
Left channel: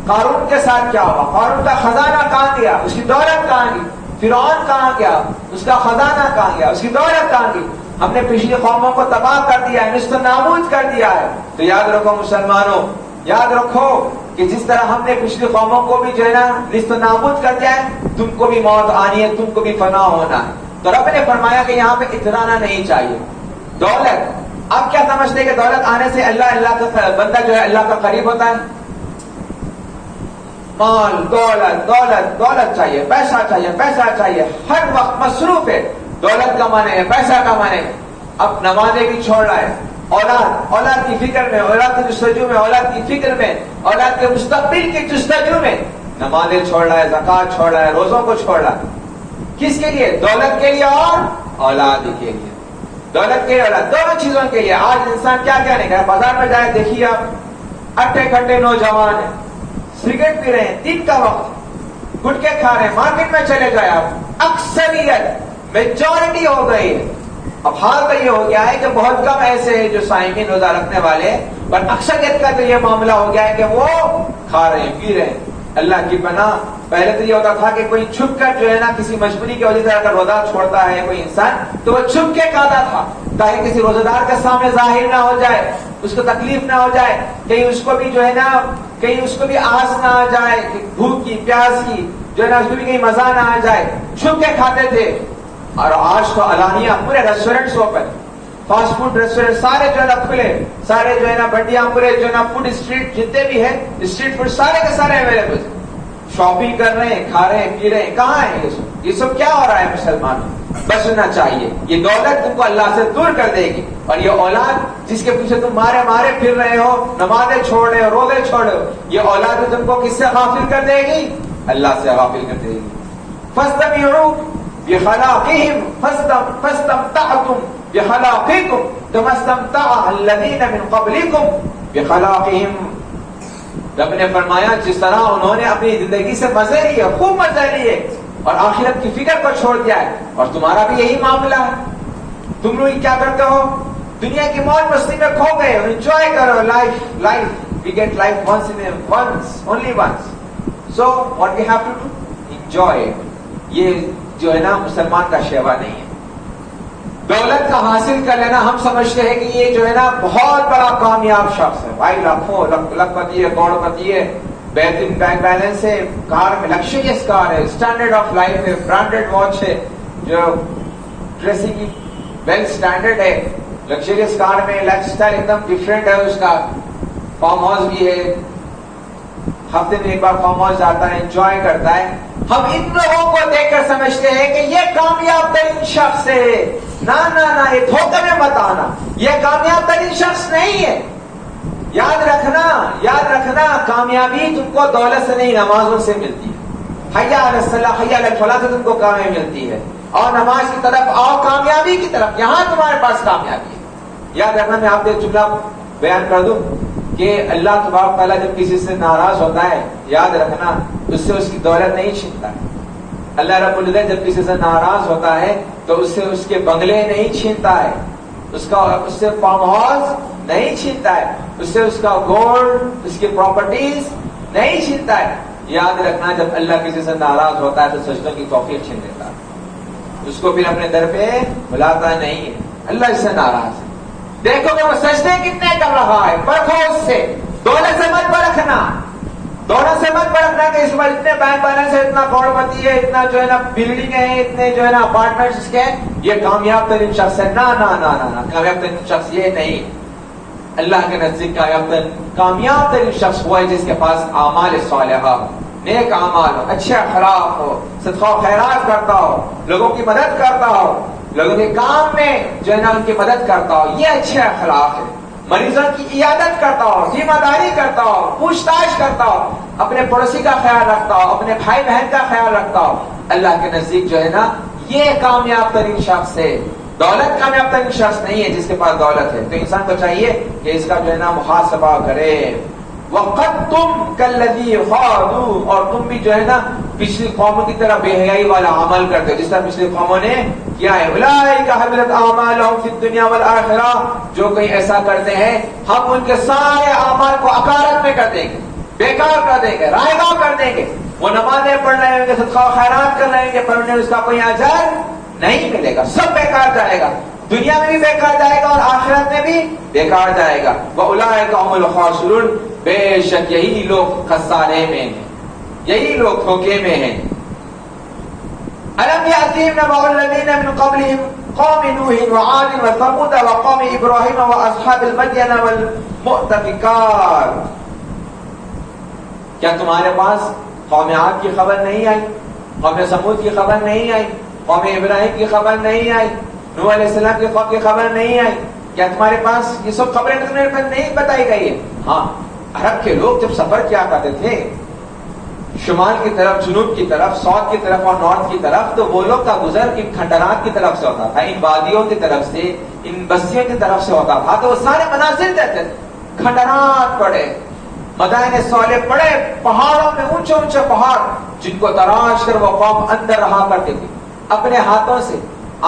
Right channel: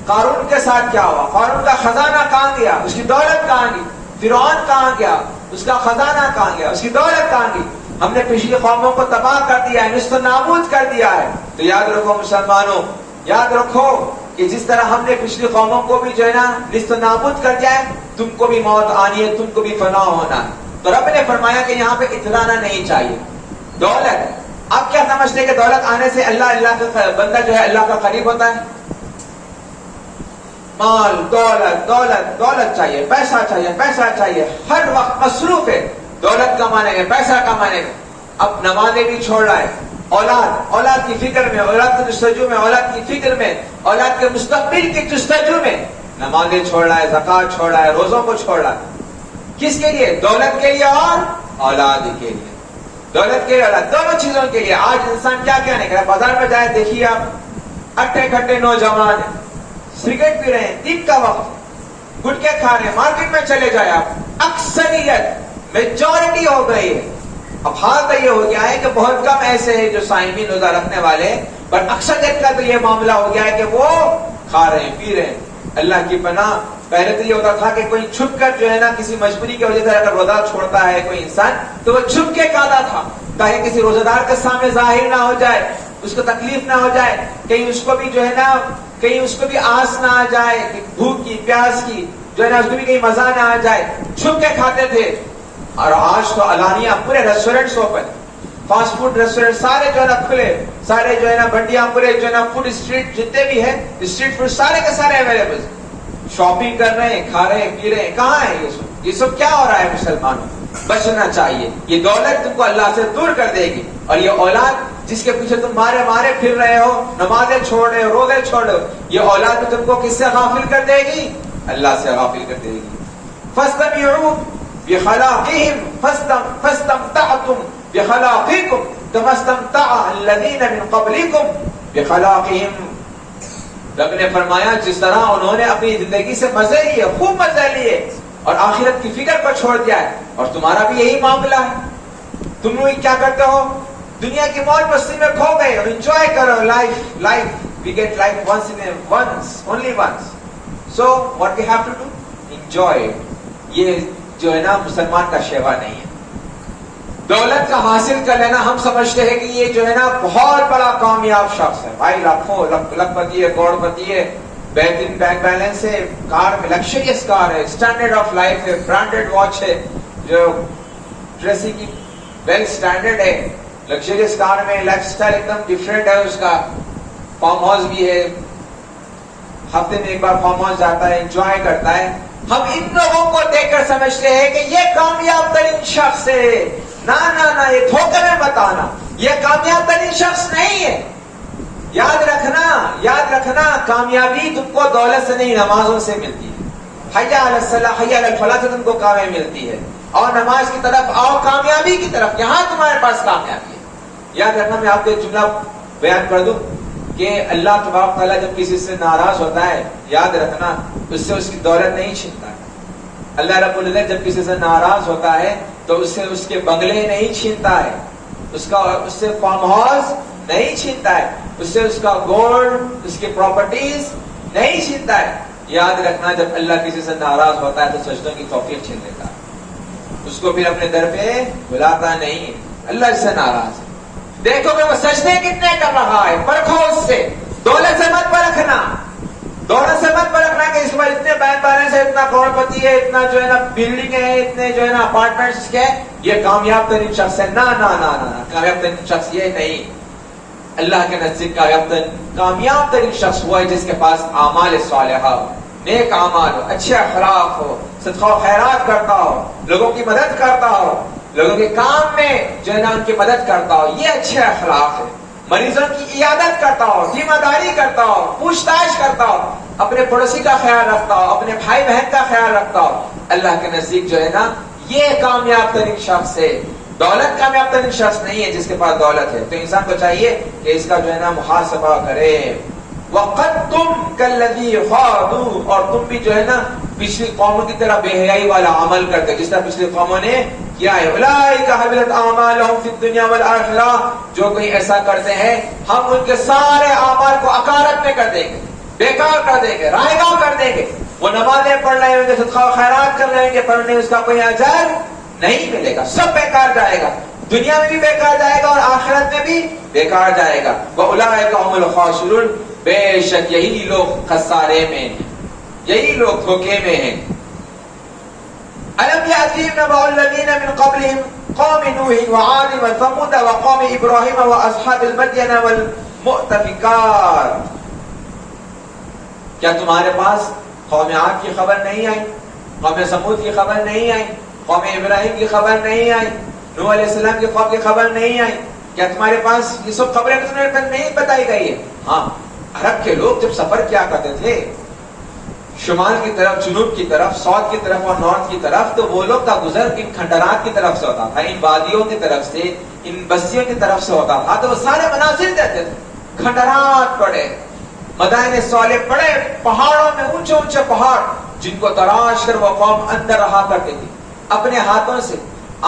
قارون کے ساتھ کیا ہوا؟ قارون کا خزانہ کہاں گیا؟ اس کی دولت کہاں گئی؟ فرعون کہاں گیا؟ اس کا خزانہ کہاں گیا؟ اس کی دولت کہاں گئی؟ ہم نے پچھلی قوموں کو تباہ کر دیا ہے, نست و نابود کر دیا ہے. تو یاد رکھو مسلمانوں, یاد رکھو کہ جس طرح ہم نے پچھلی قوموں کو بھی جو ہے نا نست و نابود کر دیا ہے, تم کو بھی موت آنی ہے, تم کو بھی فنا ہونا ہے. تو رب نے فرمایا کہ یہاں پہ اترانا نہیں چاہیے. دولت, آپ کیا سمجھتے ہیں کہ دولت آنے سے اللہ کا بندہ جو ہے اللہ کا قریب ہوتا ہے؟ مال, دولت دولت دولت چاہیے, پیسہ چاہیے, پیسہ چاہیے, ہر وقت مصروف ہے دولت کمانے میں, پیسہ کمانے میں. اب نمازیں بھی چھوڑ رہا ہے, اولاد کی فکر میں, اولاد کی جستجو میں, اولاد کی فکر میں, اولاد کے مستقبل کی جستجو میں نمازیں چھوڑ رہا ہے, زکات چھوڑ رہا ہے, روزوں کو چھوڑ رہا ہے. کس کے لیے؟ دولت کے لیے اور اولاد کے لیے. دولت کے لیے, اولاد, دونوں چیزوں کے لیے. آج انسان کیا نہیں کرے, بازار میں جائے دیکھیے آپ, اٹھے کھٹے نوجوان ہیں, سگریٹ پی رہے ہیں, دن کا وقت گٹکے کھا رہے ہیں. مارکیٹ میں چلے جائے آپ, اکثریت میجورٹی ہو گئی ہے. اب حال تو یہ ہو گیا ہے کہ بہت کم ایسے ہیں جو صائمین روزہ رکھنے والے, پر اکثریت کا تو یہ معاملہ ہو گیا ہے کہ وہ کھا رہے ہیں, پی رہے ہیں. اللہ کی پناہ, پہلے تو یہ ہوتا تھا کہ کوئی چھپ کر جو ہے نا کسی مجبوری کی وجہ سے اگر روزہ چھوڑتا ہے کوئی انسان تو وہ چھپ کے کھاتا تھا تاکہ کسی روزہ دار کے سامنے ظاہر نہ ہو جائے, اس کو تکلیف نہ ہو جائے, کہیں اس کو بھی جو ہے نا کہیں اس کو بھی آس نہ آ جائے, بھوک کی پیاس کی جو ہے نا اس کو بھی کہیں مزہ نہ آ جائے, چھپ کے کھاتے تھے. اور آج تو علانیہ پورے restaurants open, fast food restaurant سارے جو ہے نا کھلے, سارے جو ہے نا بنڈیاں پورے جو ہے نا فوڈ اسٹریٹ جتنے بھی ہیں اسٹریٹ فوڈ سارے کے سارے اویلیبل, شاپنگ کر رہے ہیں, کھا رہے ہیں, پی رہے ہیں. کہاں ہے یہ سب کیا ہو رہا ہے مسلمانوں؟ بچنا چاہیے. یہ دولت تم کو اللہ سے دور کر دے گی, اور یہ اولاد جس کے پیچھے تم مارے مارے پھر رہے ہو, نمازیں چھوڑ رہے ہو, روزے چھوڑ رہے ہو, یہ اولاد تم کو کس سے غافل کر دے گی؟ اللہ سے غافل کر دے گی. فاستمعوا بخلاقهم فاستمتعتم بخلاقكم كما استمتع الذين من قبلكم بخلاقهم. رب نے فرمایا جس طرح انہوں نے اپنی زندگی سے مزے لیے, خوب مزے لیے, اور آخرت کی فکر کو چھوڑ دیا ہے, اور تمہارا بھی یہی معاملہ ہے. تم لوگ کیا کرتے ہو؟ دنیا کی موج مستی میں کھو گئے. انجوائے کرو life. We get life only once. So what we have to do? Enjoy it. یہ جو ہے نا مسلمان کا شیوا نہیں ہے. دولت کا حاصل کر لینا ہم سمجھتے ہیں کہ یہ جو ہے نا بہت بڑا کامیاب شخص ہے. بھائی لاکھوں لکھپتی ہے, کروڑ پتی ہے, بہترین بینک بیلنس ہے, کار میں لگژریس کار ہے, اسٹینڈرڈ آف لائف ہے, برانڈیڈ واچ ہے, جو ڈریسنگ کی ویل اسٹینڈرڈ ہے, لگژریس کار میں لائف اسٹائل ایک دم ڈفرینٹ ہے اس کا, فارم ہاؤس بھی ہے, ہفتے میں ایک بار فارم ہاؤس جاتا ہے, انجوائے کرتا ہے. ہم ان لوگوں کو دیکھ کر سمجھتے ہیں کہ یہ کامیاب ترین شخص ہے. نہ یہ دھوکے میں مت آنا, یہ کامیاب ترین شخص نہیں ہے. یاد رکھنا کامیابی تم کو دولت سے نہیں, نمازوں سے ملتی ہے. حی علی الصلاۃ حی علی الفلاح سے تم کو کامیابی ملتی ہے, اور نماز کی طرف آؤ, کامیابی کی طرف, یہاں تمہارے پاس کامیابی ہے. یاد رکھنا, میں آپ کو ایک جملہ بیان کر دوں کہ اللہ تبارک تعالیٰ جب کسی سے ناراض ہوتا ہے, یاد رکھنا اس سے اس کی دولت نہیں چھینتا ہے. اللہ رب العزت جب کسی سے ناراض ہوتا ہے تو اس سے اس کے بنگلے نہیں چھینتا ہے, اس سے فارم ہاؤس نہیں چھینتا ہے, اس سے اس کا گولڈ, اس کی پراپرٹیز نہیں چھینتا ہے. یاد رکھنا جب اللہ کسی سے ناراض ہوتا ہے تو سجدوں کی توفیق چھین لیتا ہے, اس کو پھر اپنے در پہ بلاتا نہیں ہے. اللہ اس سے ناراض ہے. دیکھو کہ وہ سجدے کتنے کر رہا ہے, پرکھو اس سے. دولت سے مت پرکھنا کہ اس بار اتنے بینک بیلنس ہے, اتنا کروڑ پتی ہے, اتنا جو ہے نا بلڈنگ ہے, اتنے جو ہے نا اپارٹمنٹس کے, یہ کامیاب ترین شخص ہے. نہ کامیاب ترین شخص یہ نہیں. اللہ کے نزدیک کامیاب ترین شخص وہ ہے جس کے پاس اعمال صالحہ, نیک اعمال ہو, اچھے اخلاق ہو, صدقہ و خیرات کرتا ہو, لوگوں کی مدد کرتا ہو, لوگوں کے کام میں جو ہے نا ان کی مدد کرتا ہو. یہ اچھے اخلاق ہے. مریضوں کی عیادت کرتا ہو, ذمہ کرتا ہو, پوچھ تاچھ کرتا ہو, اپنے پڑوسی کا خیال رکھتا ہو, اپنے بھائی بہن کا خیال رکھتا ہو. اللہ کے نزدیک جو ہے نا یہ کامیاب ترین شخص ہے. دولت کامیاب ترین شخص نہیں ہے جس کے پاس دولت ہے. تو انسان کو چاہیے کہ اس کا جو ہے نا محاسبہ کرے. وَقَدْتُمْ كَالَّذِي خَاضُوا, اور تم بھی جو ہے نا پچھلی قوموں کی طرح بے حیائی والا عمل کرتے جس طرح پچھلی قوموں نے کیا ہے. اولئک حبطت اعمالهم فی الدنیا والآخرہ, جو کوئی ایسا کرتے ہیں ہم ان کے سارے اعمال کو اکارت میں کر دیں گے, بیکار کر دیں گے, رائگاں کر دیں گے. وہ نمازیں پڑھ رہے ہوں گے, صدقہ و خیرات کر رہے ہیں, پر انہیں اس کا کوئی اجر نہیں ملے گا, سب بیکار جائے گا. دنیا میں بھی بیکار جائے گا اور آخرت میں بھی بیکار جائے گا. وَأُولَٰئِكَ هُمُ الْخَاسِرُونَ, بے شک یہی لوگ خسارے میں ہیں, یہی لوگ دھوکے میں ہیں. أَلَمْ يَأْتِهِمْ نَبَأُ الَّذِينَ مِنْ قَبْلِهِمْ قَوْمِ نُوحٍ وَعَادٍ وَثَمُودَ وَقَوْمِ إِبْرَاهِيمَ وَأَصْحَابِ الْمَدْيَنَ وَالْمُؤْتَفِكَاتِ, کیا تمہارے پاس قوم عاد کی خبر نہیں آئی, قوم ثمود کی خبر نہیں آئی, قوم ابراہیم کی خبر نہیں آئی, نوح علیہ السلام کی قوم کی خبر نہیں آئی؟ کیا تمہارے پاس یہ سب خبریں تمہیں نہیں بتائی گئی ہے؟ ہاں, عرب کے لوگ جب سفر کیا کرتے تھے شمال کی طرف, جنوب کی طرف, ساؤتھ کی طرف اور نارتھ کی طرف, تو وہ لوگ کا گزر ان کھنڈرات کی طرف سے ہوتا تھا, ان وادیوں کی طرف سے, ان بستیوں کی طرف سے ہوتا تھا. تو وہ سارے مناظر دیکھتے تھے, کھنڈرات پڑے, مدائن صالح پڑے, پہاڑوں میں اونچے اونچے پہاڑ جن کو تراش کر وہ قوم اندر رہا کرتی تھی اپنے ہاتھوں سے.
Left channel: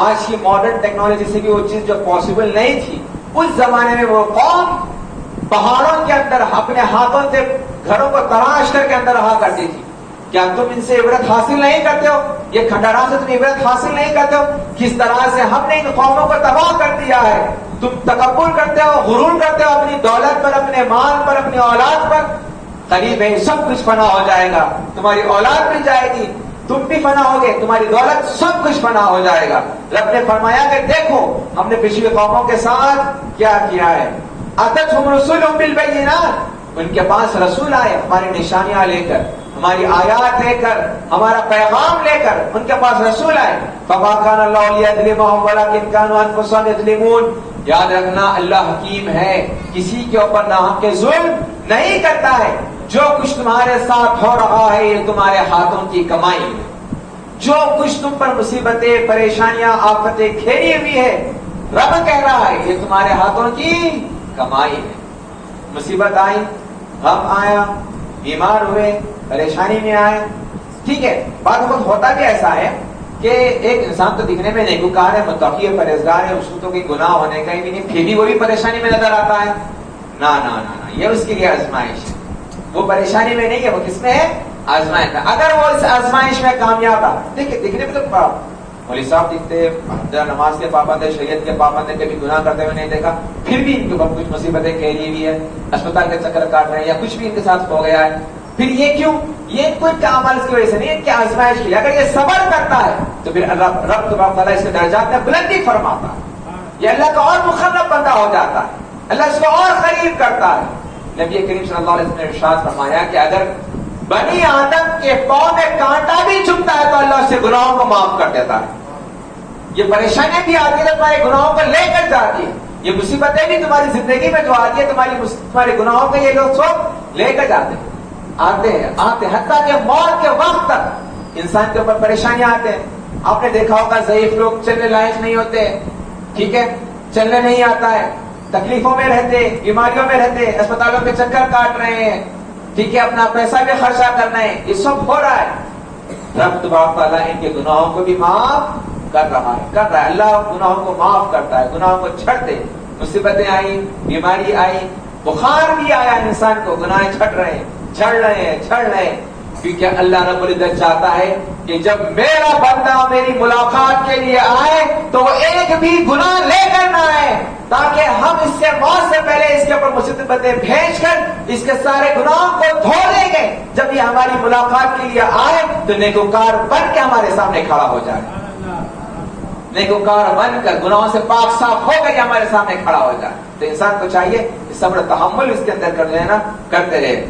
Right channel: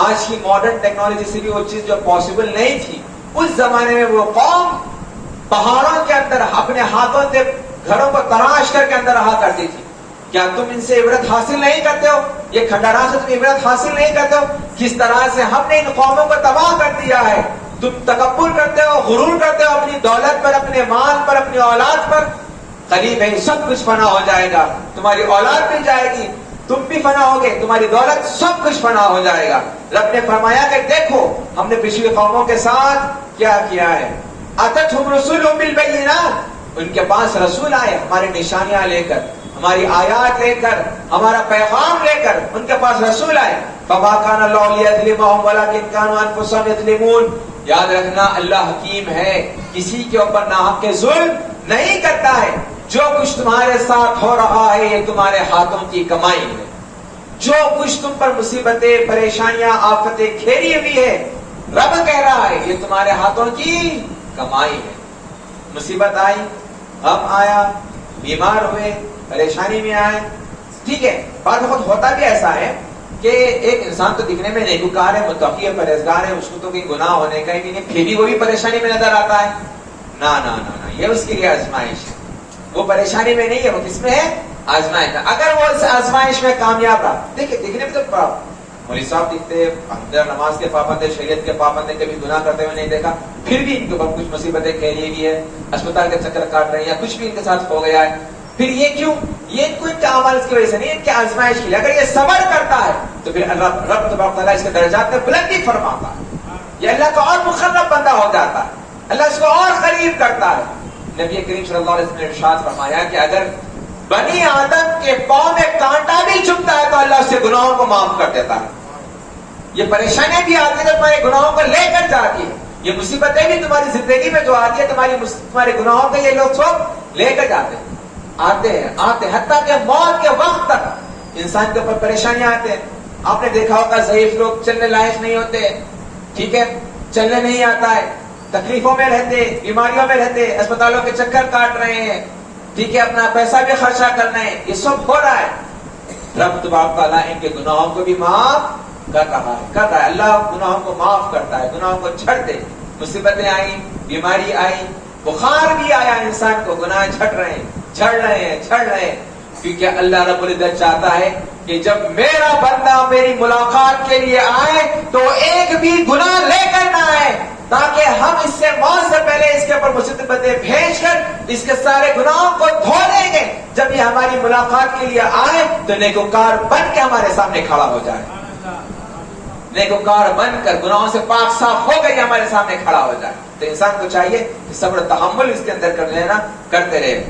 آج کی ماڈرن ٹیکنالوجی سے بھی وہ چیز جو پاسبل نہیں تھی, اس زمانے میں وہ قوم پہاڑوں کے اندر اپنے ہاتھوں سے گھروں کو تراش کر کے اندر رہا کرتی تھی. کیا تم ان سے عبرت حاصل نہیں کرتے ہو؟ یہ کھنڈرات سے تم عبرت حاصل نہیں کرتے ہو کس طرح سے ہم نے ان قوموں کو تباہ کر دیا ہے؟ تم تکبر کرتے ہو, غرور کرتے ہو اپنی دولت پر, اپنے مال پر, اپنی اولاد پر. قریب ہے سب کچھ فنا ہو جائے گا, تمہاری اولاد بھی جائے گی, تم بھی فنا ہوگے, تمہاری دولت سب کچھ فنا ہو جائے گا. رب نے فرمایا کہ دیکھو ہم نے پچھلی قوموں کے ساتھ کیا کیا ہے. اتتھم رسولهم بالبینات, ان کے پاس رسول آئے ہماری نشانیاں لے کر, ہماری آیات لے کر, ہمارا پیغام لے کر, ان کے پاس رسول آئے. فما كان الله ليظلمهم ولكن كانوا انفسهم يظلمون. یاد رکھنا اللہ حکیم ہے, کسی کے اوپر ناحق کے ظلم نہیں کرتا ہے. جو کچھ تمہارے ساتھ ہو رہا ہے یہ تمہارے ہاتھوں کی کمائی ہے. جو کچھ تم پر مصیبتیں, پریشانیاں, آفتیں گھیری ہوئی ہے, رب کہہ رہا ہے یہ تمہارے ہاتھوں کی کمائی ہے. مصیبت آئی, غم آیا, بیمار ہوئے, پریشانی میں آئے, ٹھیک ہے. بعض وقت ہوتا بھی ایسا ہے کہ ایک انسان تو دکھنے میں نیکوکار ہے, متقی ہے, پرہیزگار ہے, اس کو تو کوئی گناہ ہونے کا ہی نہیں, پھر بھی وہ بھی پریشانی میں نظر آتا ہے. نہ نہ نہ, یہ اس کے لیے آزمائش ہے. وہ پریشانی میں نہیں ہے, وہ کس میں ہے؟ آزمائش ہے. اگر وہ اس آزمائش میں کامیاب رہا, دیکھیں دکھنے میں تو مولوی صاحب دکھتے, نماز کے پابند ہے, شریعت کے پابند ہے, کبھی گناہ کرتے ہوئے نہیں دیکھا, پھر بھی ان کے اوپر کچھ مصیبتیں گھیری ہوئی ہے, اسپتال کے چکر کاٹ رہے ہیں, یا کچھ بھی ان کے ساتھ ہو گیا ہے. پھر یہ کیوں؟ یہ کوئی عمل اس کی وجہ سے نہیں, ان کی آزمائش کے لیے. اگر یہ صبر کرتا ہے تو پھر رب تبارک تعالیٰ اس کے درجات میں بلندی فرماتا ہے. یہ اللہ کا اور مقرب بندہ ہو جاتا ہے, اللہ اس کو اور قریب کرتا ہے. نبی کریم صلی اللہ علیہ وسلم نے ارشاد فرمایا کہ اگر بنی آدم کے پاؤں میں کانٹا بھی چبھتا ہے تو اللہ اس سے گناہوں کو معاف کر دیتا ہے. یہ پریشانیاں بھی آتی ہیں تمہارے گناہوں کو لے کر جاتی ہے, یہ مصیبتیں بھی تمہاری زندگی میں جو آتی ہے تمہارے گناہوں کو یہ لوگ سب لے کر جاتے ہیں. آتے ہیں حتیٰ کہ موت کے وقت تک انسان کے اوپر پریشانیاں آتے ہیں. آپ نے دیکھا ہوگا ضعیف لوگ چلنے لائق نہیں ہوتے, ٹھیک ہے, چلنے نہیں آتا ہے, تکلیفوں میں رہتے, بیماریوں میں رہتے, اسپتالوں کے چکر کاٹ رہے ہیں, ٹھیک ہے, اپنا پیسہ بھی خرچہ کر رہے ہیں. یہ سب ہو رہا ہے. رب تبارک تعالیٰ ان کے گناہوں کو بھی معاف کر رہا ہے. اللہ گناہوں کو معاف کرتا ہے, گناہوں کو چھڑ دے. مصیبتیں آئی, بیماری آئی, بخار بھی آیا, انسان کو گناہ چھٹ رہے ہیں, چھڑ رہے ہیں, کیونکہ اللہ رب العزت چاہتا ہے کہ جب میرا بندہ میری ملاقات کے لیے آئے تو ایک بھی گناہ لے کر نہ آئے, تاکہ ہم اس سے موت سے پہلے اس کے اوپر مصیبتیں بھیج کر اس کے سارے گناہوں کو دھو دیں گے. جب یہ ہماری ملاقات کے لیے آئے تو نیکوکار بن کے ہمارے سامنے کھڑا ہو جائے, نیکوکار بن کر گناہوں سے پاک صاف ہو کر ہمارے سامنے کھڑا ہو جائے. تو انسان کو چاہیے کہ صبر و تحمل اس کے اندر کر لینا, کرتے رہے.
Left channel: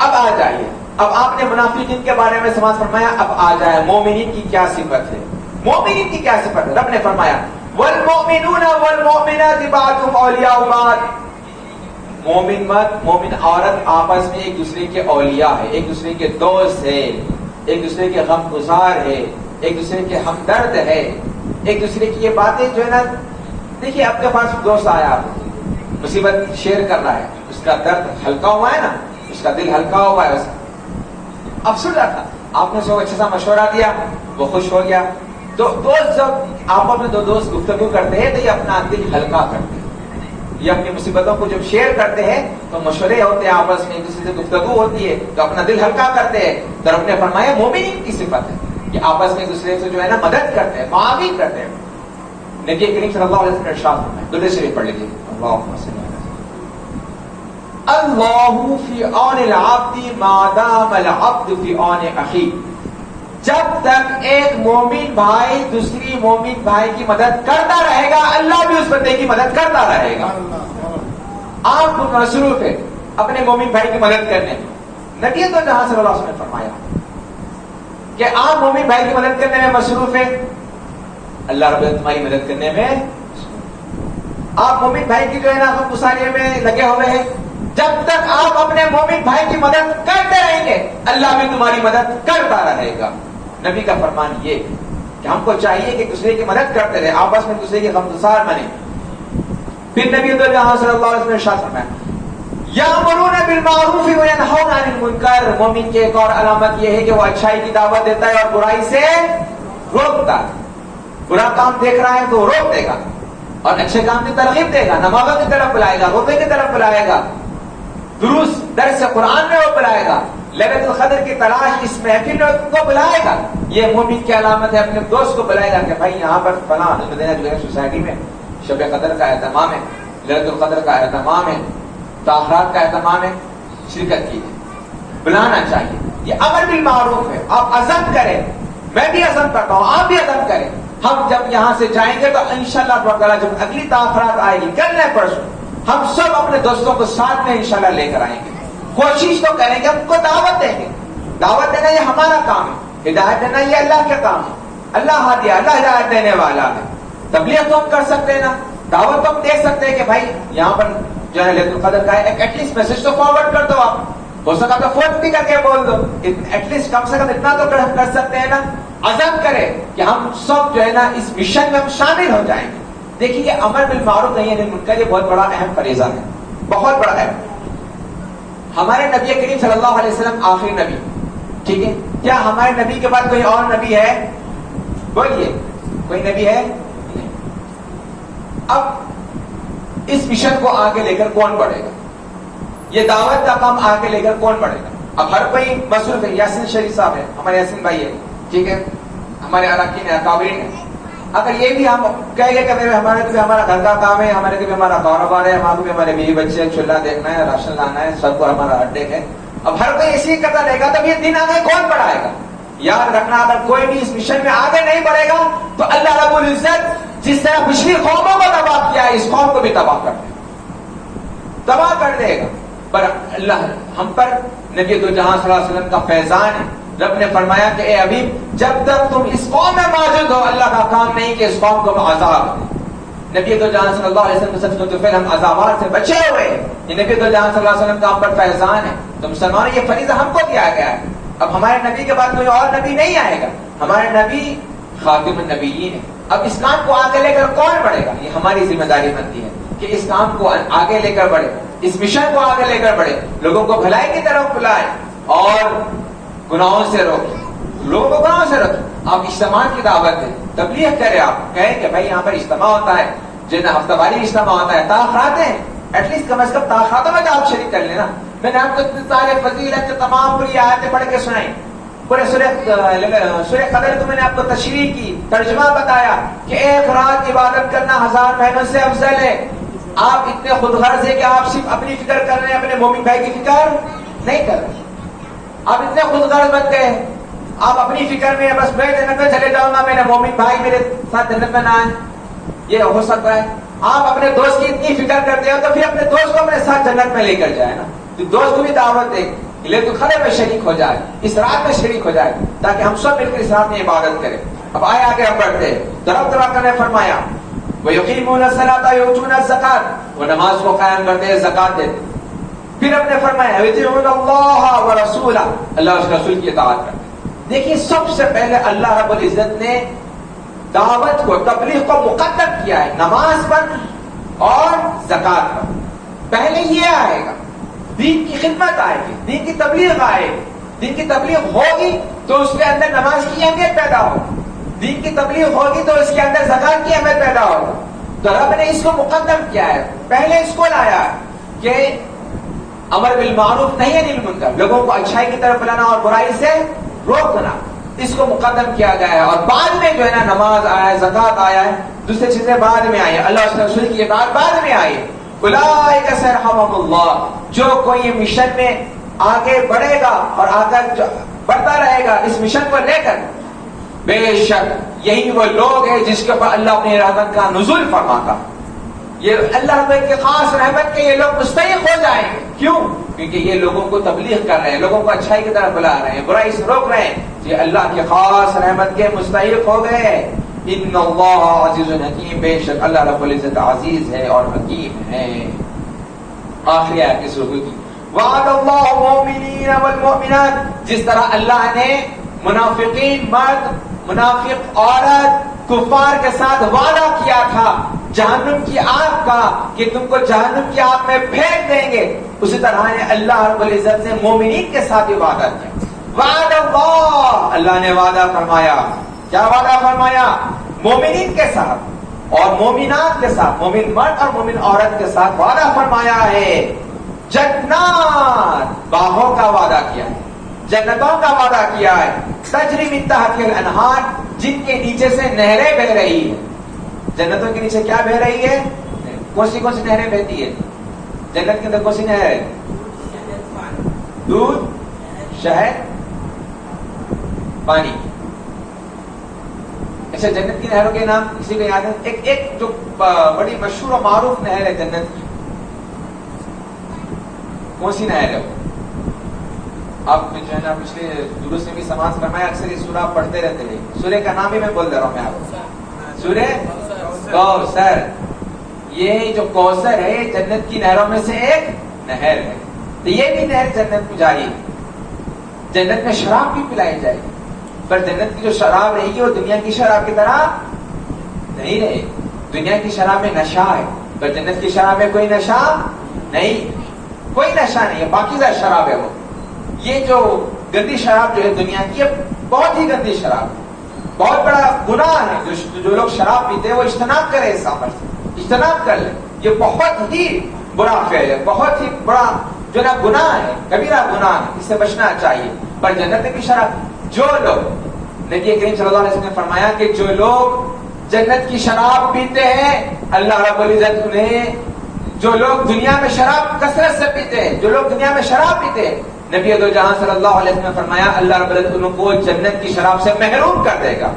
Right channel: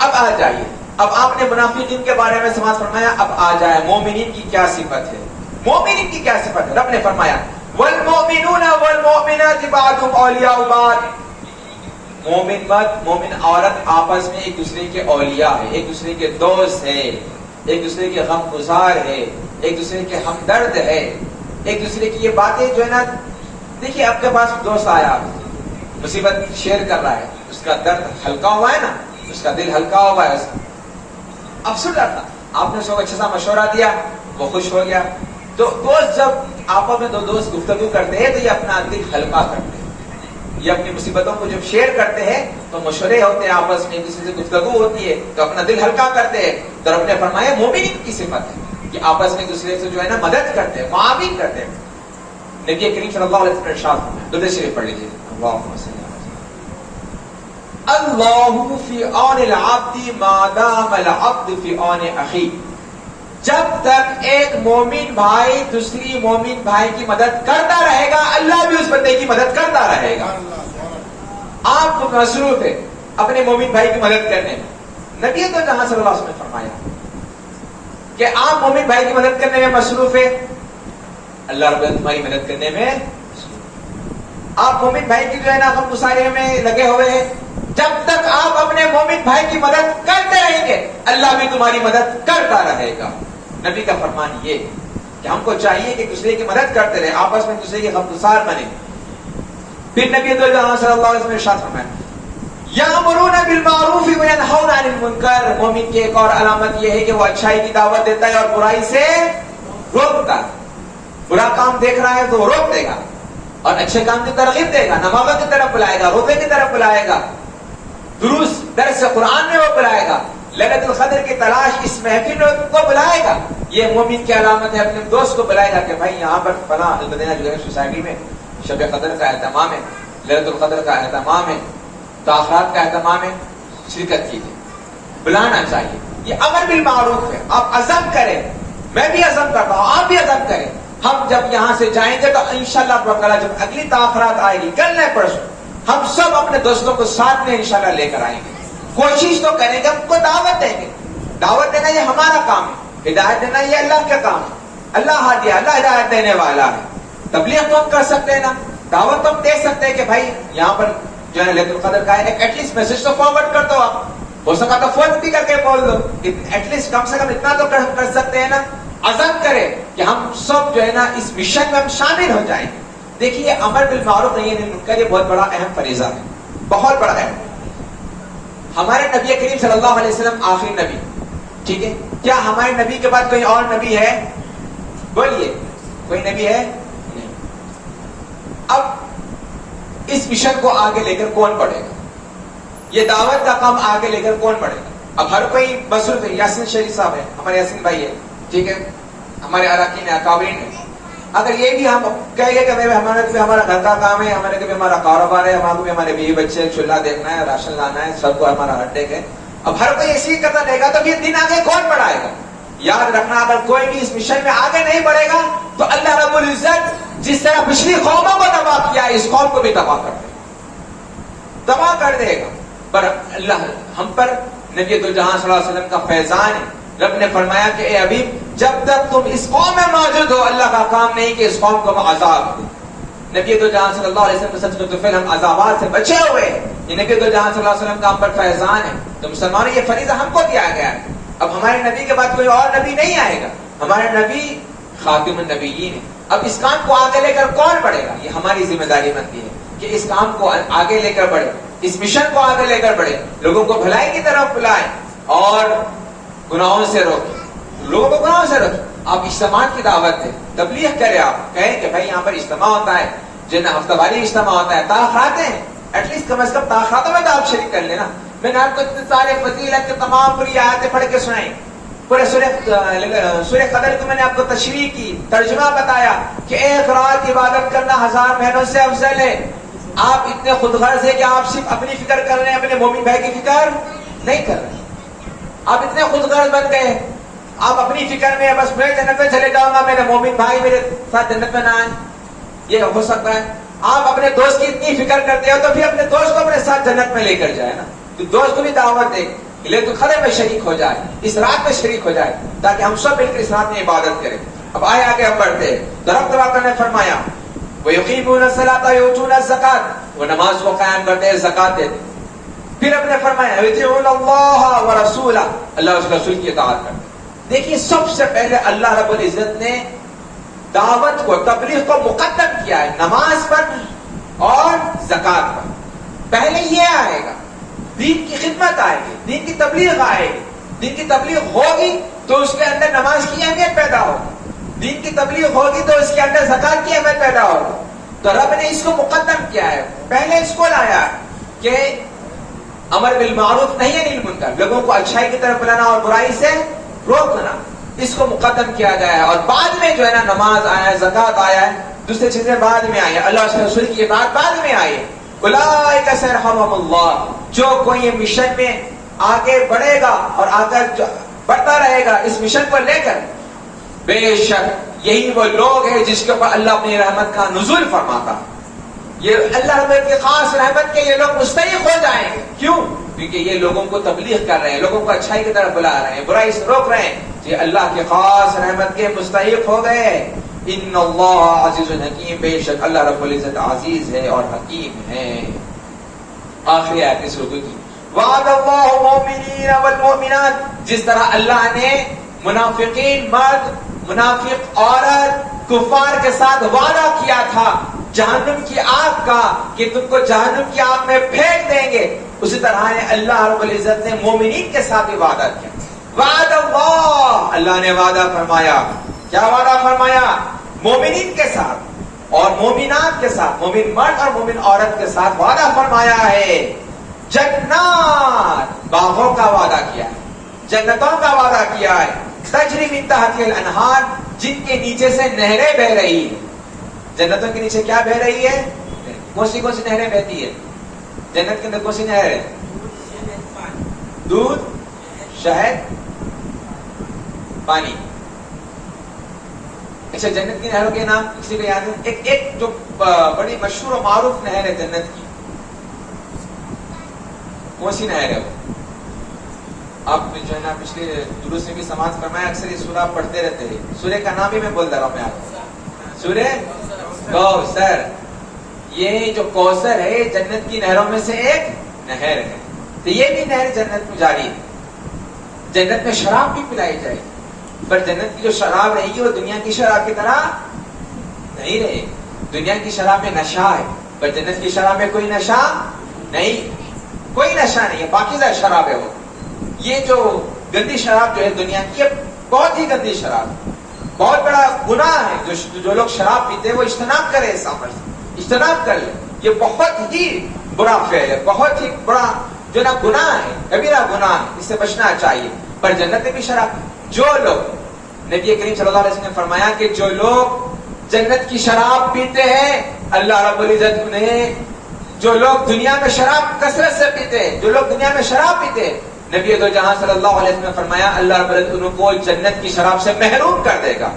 اب آ جائیے, اب آپ نے منافقین کے بارے میں سماعت فرمایا, اب آ جائے مومنین کی کیا صفت ہے. مومنین کی کیا صفت ہے؟ رب نے فرمایا والمؤمنون والمؤمنات بعضهم اولیاء بعض. مومن مرد, مومن عورت آپس میں ایک دوسرے کے اولیاء ہے, ایک دوسرے کے دوست ہے, ایک دوسرے کے غم گزار ہے, ایک دوسرے کے ہمدرد ہے, ایک دوسرے کی یہ باتیں جو ہے نا. دیکھیے آپ کے پاس دوست آیا, مصیبت شیئر کر رہا ہے, اس کا درد ہلکا ہوا ہے نا, اس کا دل ہلکا ہوا ہے, افسوس رہتا, آپ نے اس کو اچھا سا مشورہ دیا, وہ خوش ہو گیا. تو دوست جب آپس میں دو دوست گفتگو کرتے ہیں تو یہ اپنا دل ہلکا کرتے ہیں, یہ اپنی مصیبتوں کو جب شیئر کرتے ہیں تو مشورے ہوتے ہیں آپس میں, ایک دوسرے سے گفتگو ہوتی ہے تو اپنا دل ہلکا کرتے ہیں. تو رب نے فرمایا مومنین کی صفت ہے کہ آپس میں ایک دوسرے سے جو ہے نا مدد کرتے ہیں, معاون کرتے ہیں. نبی کریم صلی اللہ علیہ وسلم نے ارشاد فرمایا, درود شریف پڑھ لیجیے, اللہم صلی اللہ فی عون العبد ما دام العبد فی عون اخی. جب تک ایک مومن بھائی دوسری مومن بھائی کی مدد کرتا رہے گا, اللہ بھی اس بندے کی مدد کرتا رہے گا. آپ خود مصروف ہے اپنے مومن بھائی کی مدد کرنے میں. نبی تو جہاں صلی اللہ علیہ وسلم نے فرمایا کہ آپ مومن بھائی کی مدد کرنے میں مصروف ہے, اللہ رب العزت تمہاری مدد کرنے میں. آپ مومن بھائی کی جو ہے نا غم گسارے میں لگے ہوئے ہیں, جب تک آپ اپنے مومن بھائی کی مدد کرتے رہیں گے اللہ بھی تمہاری مدد کرتا رہے گا. نبی کا فرمان یہ کہ ہم کو چاہیے کہ دوسرے کی مدد کرتے رہیں, آپس میں دوسرے کے غمگسار بنے. پھر نبی تو جہاں صلی اللہ علیہ وسلم نے ارشاد فرمایا یامرون بالمعروف وینہون عن المنکر. مومن کی ایک اور علامت یہ ہے کہ وہ اچھائی کی دعوت دیتا ہے اور برائی سے روکتا ہے. برا کام دیکھ رہا ہے تو روک دے گا اور اچھے کام کی ترغیب دے گا, نمازوں کی طرف بلائے گا, روزے کی طرف بلائے گا, دروس درس قرآن میں وہ بلائے گا, لیلۃ القدر کی تلاش اس محفل میں کو بلائے گا. یہ مومن کی علامت ہے. اپنے دوست کو بلائے گا کہ بھائی یہاں پر فلاں مدینہ جو ہے سوسائٹی میں شب قدر کا اہتمام ہے, لیلۃ القدر کا اہتمام ہے, تاخرات کا اہتمام ہے, شرکت کیجیے. بلانا چاہیے. یہ امر بالمعروف ہے. آپ عزم کریں, میں بھی عزم کرتا ہوں, آپ بھی عزم کریں. ہم جب یہاں سے جائیں گے تو انشاءاللہ جب اگلی تاخرات آئے گی, کل نہیں پرسوں, ہم سب اپنے دوستوں کو ساتھ میں انشاءاللہ لے کر آئیں گے. کوشش تو کریں گے, ہم کو دعوت دیں گے. دعوت دینا یہ ہمارا کام ہے, ہدایت دینا یہ اللہ کا کام ہے. اللہ ہادی, اللہ ہدایت دینے والا ہے. تبلیغ تو ہم کر سکتے ہیں نا, دعوت تو ہم دے سکتے ہیں کہ بھائی یہاں پر جو ہے لیلۃ القدر کا ہے, ایٹ لیسٹ میسج تو فارورڈ کر دو. آپ ہو سکا تو فون بھی کر کے بول دو, ایٹ لیسٹ کم سے کم اتنا تو کر سکتے ہیں نا. عزم کرے کہ ہم سب جو ہے نا اس مشن میں ہم شامل ہو جائیں گے. دیکھیے یہ امر بالمعروف نہیں ہے منکر, یہ بہت بڑا اہم فریضہ ہے, بہت بڑا اہم. ہمارے نبی کریم صلی اللہ علیہ وسلم آخری نبی, ٹھیک ہے, کیا ہمارے نبی کے بعد کوئی اور نبی ہے؟ بولیے, کوئی نبی ہے؟ اب اس مشن کو آگے لے کر کون بڑھے گا؟ یہ دعوت کا کام آگے لے کر کون بڑھے گا؟ اب ہر کوئی مصروف ہے. یاسین شریف صاحب ہے, ہمارے یاسین بھائی ہے, ٹھیک ہے, ہمارے اراکین اکابرین ہیں. اگر یہ بھی ہم کہیں گے کہ ہمارا گھر کا کام ہے, ہمارے کے بھی ہمارا کاروبار ہے, ہمارے بیوی بچے, چولہا دیکھنا ہے, راشن لانا ہے, سب کو ہمارا اڈے ہے, اب ہر کوئی اسی کرتا رہے گا تو یہ دن آگے کون بڑھائے گا؟ یاد رکھنا, اگر کوئی بھی اس مشن میں آگے نہیں بڑھے گا تو اللہ رب العزت جس طرح پچھلی قوموں کو تباہ کیا, اس قوم کو بھی تباہ کر دے گا. پر اللہ ہم پر نبی دو جہاں صلی اللہ علیہ وسلم کا فیضان ہے. رب نے فرمایا کہ اے حبیب, جب تک تم اس قوم میں موجود ہو, اللہ کا کام نہیں کہ اس قوم کو عذاب دے. نبی دو جہاں صلی اللہ علیہ وسلم سچ میں تو پھر ہم عذابات سے بچے ہوئے. یہ نبی دو جہاں صلی اللہ علیہ وسلم کا ہم پر فیضان ہے. تو مسلمانوں یہ فریضہ ہم کو دیا گیا ہے. اب ہمارے نبی کے بعد کوئی اور نبی نہیں آئے گا, ہمارا نبی خاتم النبیین ہے. اب اس کام کو آگے لے کر کون بڑھے گا؟ یہ ہماری ذمہ داری بنتی ہے کہ اس کام کو آگے لے کر بڑھے, اس مشن کو آگے لے کر بڑھے, لوگوں کو بھلائی کی طرف بلائیں اور گناہوں سے روکیں, لوگوں کو گناہوں سے روکیں. آپ اجتماع کی دعوت دیں, تبلیغ کریں, آپ کہیں کہ بھائی یہاں پر اجتماع ہوتا ہے, جو ہفتہ واری اجتماع ہوتا ہے, تاخرات ہیں, ایٹ لیسٹ کم از کم تاخراتوں میں تو آپ شریک کر لینا. میں نے آپ کو اتنے سارے فضیلت کے تمام پوری آیتیں پڑھ کے سنائی, پورے سورہ قدر کو میں نے آپ کو تشریح کی, ترجمہ بتایا کہ ایک رات عبادت کرنا 1000 مہینوں سے افضل ہے. آپ اتنے خود غرض ہے کہ آپ صرف اپنی فکر کر رہے ہیں, اپنے مومن بھائی کی فکر نہیں کر رہے. آپ اتنے خود غرض بن گئے, آپ اپنی فکر میں بس میں جنت میں چلے جاؤں گا, میرے مومن بھائی میرے ساتھ جنت میں نہ آئے, یہ ہو سکتا ہے. آپ اپنے دوست کی اتنی فکر کرتے ہو تو پھر اپنے دوست کو اپنے ساتھ جنت میں لے کر جائے نا, دوست کو بھی دعوت دے, لیلۃ القدر میں شریک ہو جائے, اس رات میں شریک ہو جائے, تاکہ ہم سب مل کر اس رات میں عبادت کریں. اب آئے آگے ہم بڑھتے ہیں. رب تبارک نے فرمایا وَيُقِيمُونَ الصَّلَاةَ وَيُؤْتُونَ الزَّكَاةَ, وہ نماز کو قائم کرتے ہیں, زکات دیتے. پھر ہم نے فرمایا وَيُطِيعُونَ اللَّهَ وَرَسُولَهُ, اللہ اس کے رسول کی اطاعت کرتے ہیں. دیکھیے سب سے پہلے اللہ رب العزت نے دعوت کو, تبلیغ کو مقدم کیا ہے نماز پر اور زکات پر. پہلے یہ آئے گا, دین کی خدمت آئے گی, دین کی تبلیغ آئے گی. دین کی تبلیغ ہوگی تو اس کے اندر نماز کی اہمیت پیدا ہوگی, دین کی تبلیغ ہوگی تو اس کے اندر زکات کی اہمیت پیدا ہوگی. تو رب نے اس کو مقدم کیا ہے, پہلے اس کو لایا کہ امر بالمعروف نہی عن المنکر, لوگوں کو اچھائی کی طرف بلانا اور برائی سے روکنا, اس کو مقدم کیا گیا ہے. اور بعد میں جو ہے نا نماز آیا, زکات آیا ہے, دوسری چیزیں بعد میں آئی, اللہ اس کے رسول کی اطاعت بعد میں آئی. اولئک سیرحمہم اللہ, جو کوئی مشن میں آگے بڑھے گا اور آگے بڑھتا رہے گا اس مشن کو لے کر, بے شک یہی وہ لوگ ہیں جس کے اوپر اللہ اپنی رحمت کا نزول فرماتا. یہ اللہ رب کی خاص رحمت کے یہ لوگ مستحق ہو جائیں گے. کیوں؟ کیونکہ یہ لوگوں کو تبلیغ کر رہے ہیں, لوگوں کو اچھائی کی طرف بلا رہے ہیں, برائی سے روک رہے ہیں, یہ اللہ کی خاص رحمت کے مستحق ہو گئے. ان اللہ عزیز حکیم, بے شک اللہ رب العزت عزیز ہے اور حکیم ہے. آخری آیت اس رکوع کی, وعد اللہ المؤمنین والمؤمنات, جس طرح اللہ نے منافقین مرد, منافق عورت, کفار کے ساتھ وعدہ کیا تھا جہنم کی آگ کا کہ تم کو جہنم کی آگ میں پھینک دیں گے, اسی طرح نے اللہ رب العزت نے مومنین کے ساتھ بھی وعدہ کیا. وعد اللہ, اللہ نے وعدہ فرمایا. کیا وعدہ فرمایا؟ مومنین کے ساتھ اور مومنات کے ساتھ, مومن مرد اور مومن عورت کے ساتھ وعدہ فرمایا ہے. جنات, باغوں کا وعدہ کیا ہے, جنتوں کا وعدہ کیا ہے. تجری من تحتها الانہار, جن کے نیچے سے نہریں بہ رہی ہیں. جنتوں کے نیچے کیا بہ رہی ہے؟ کون سی نہریں بہتی ہے جنت کے اندر؟ کون سی نہر ہے؟ دودھ, شہد, پانی. اچھا جنت کی نہروں کے نام کسی کو یاد ہے؟ ایک جو بڑی مشہور و معروف نہر ہے جنت کی، کون سی نہر ہے وہ؟ آپ جو ہے نا پچھلے دروس میں بھی سماعت فرمایا، اکثر یہ سورہ آپ پڑھتے رہتے ہیں. سورہ کا نام ہی میں بول دے رہا ہوں میں آپ کو، سورہ کوثر. یہ جو کوثر ہے جنت کی نہروں میں سے ایک نہر ہے. تو یہ بھی نہر جنت میں جاری ہے. جنت میں شراب بھی پلائی جائے گی، پر جنت کی جو شراب رہے گی وہ دنیا کی شراب کی طرح نہیں رہے گی. دنیا کی شراب میں نشہ ہے، پر جنت کی شراب میں کوئی نشہ نہیں، کوئی نشہ نہیں ہے، پاکیزہ شراب ہے وہ. یہ جو گندی شراب جو ہے دنیا کی، یہ بہت ہی گندی شراب ہے، بہت بڑا گناہ ہے. جو لوگ شراب پیتے ہیں وہ اجتناب کرے، اس عمل سے اجتناب کر لے. یہ بہت ہی برا فعل ہے، بہت ہی بڑا جو نا گناہ ہے، کبیرہ گناہ ہے، اس سے بچنا چاہیے. پر جنت میں بھی شراب، جو لوگ، نبی کریم صلی اللہ علیہ وسلم نے فرمایا کہ جو لوگ جنت کی شراب پیتے ہیں، اللہ رب العزت انہیں، جو لوگ دنیا میں شراب کثرت سے پیتے ہیں، جو لوگ دنیا میں شراب پیتے ہیں، نبی دو جہاں صلی اللہ علیہ وسلم نے فرمایا اللہ رب العزت ان کو جنت کی شراب سے محروم کر دے گا.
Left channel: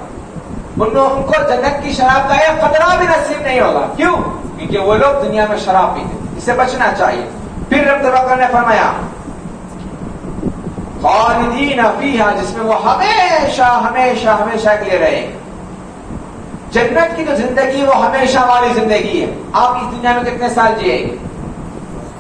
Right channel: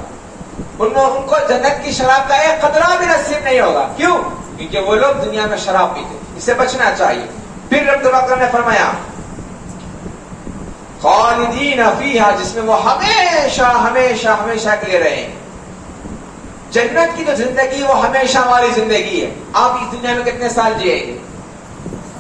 ان کو جنت کی شراب کا ایک قطرہ بھی نصیب نہیں ہوگا. کیوں؟ کیونکہ وہ لوگ دنیا میں شراب پیتے. اس سے بچنا چاہیے. پھر رب العزت نے فرمایا خالدین فیہا، جس میں وہ ہمیشہ ہمیشہ ہمیشہ کے لیے رہیں. جنت کی جو زندگی وہ ہمیشہ والی زندگی ہے. آپ اس دنیا میں کتنے سال جیے گے؟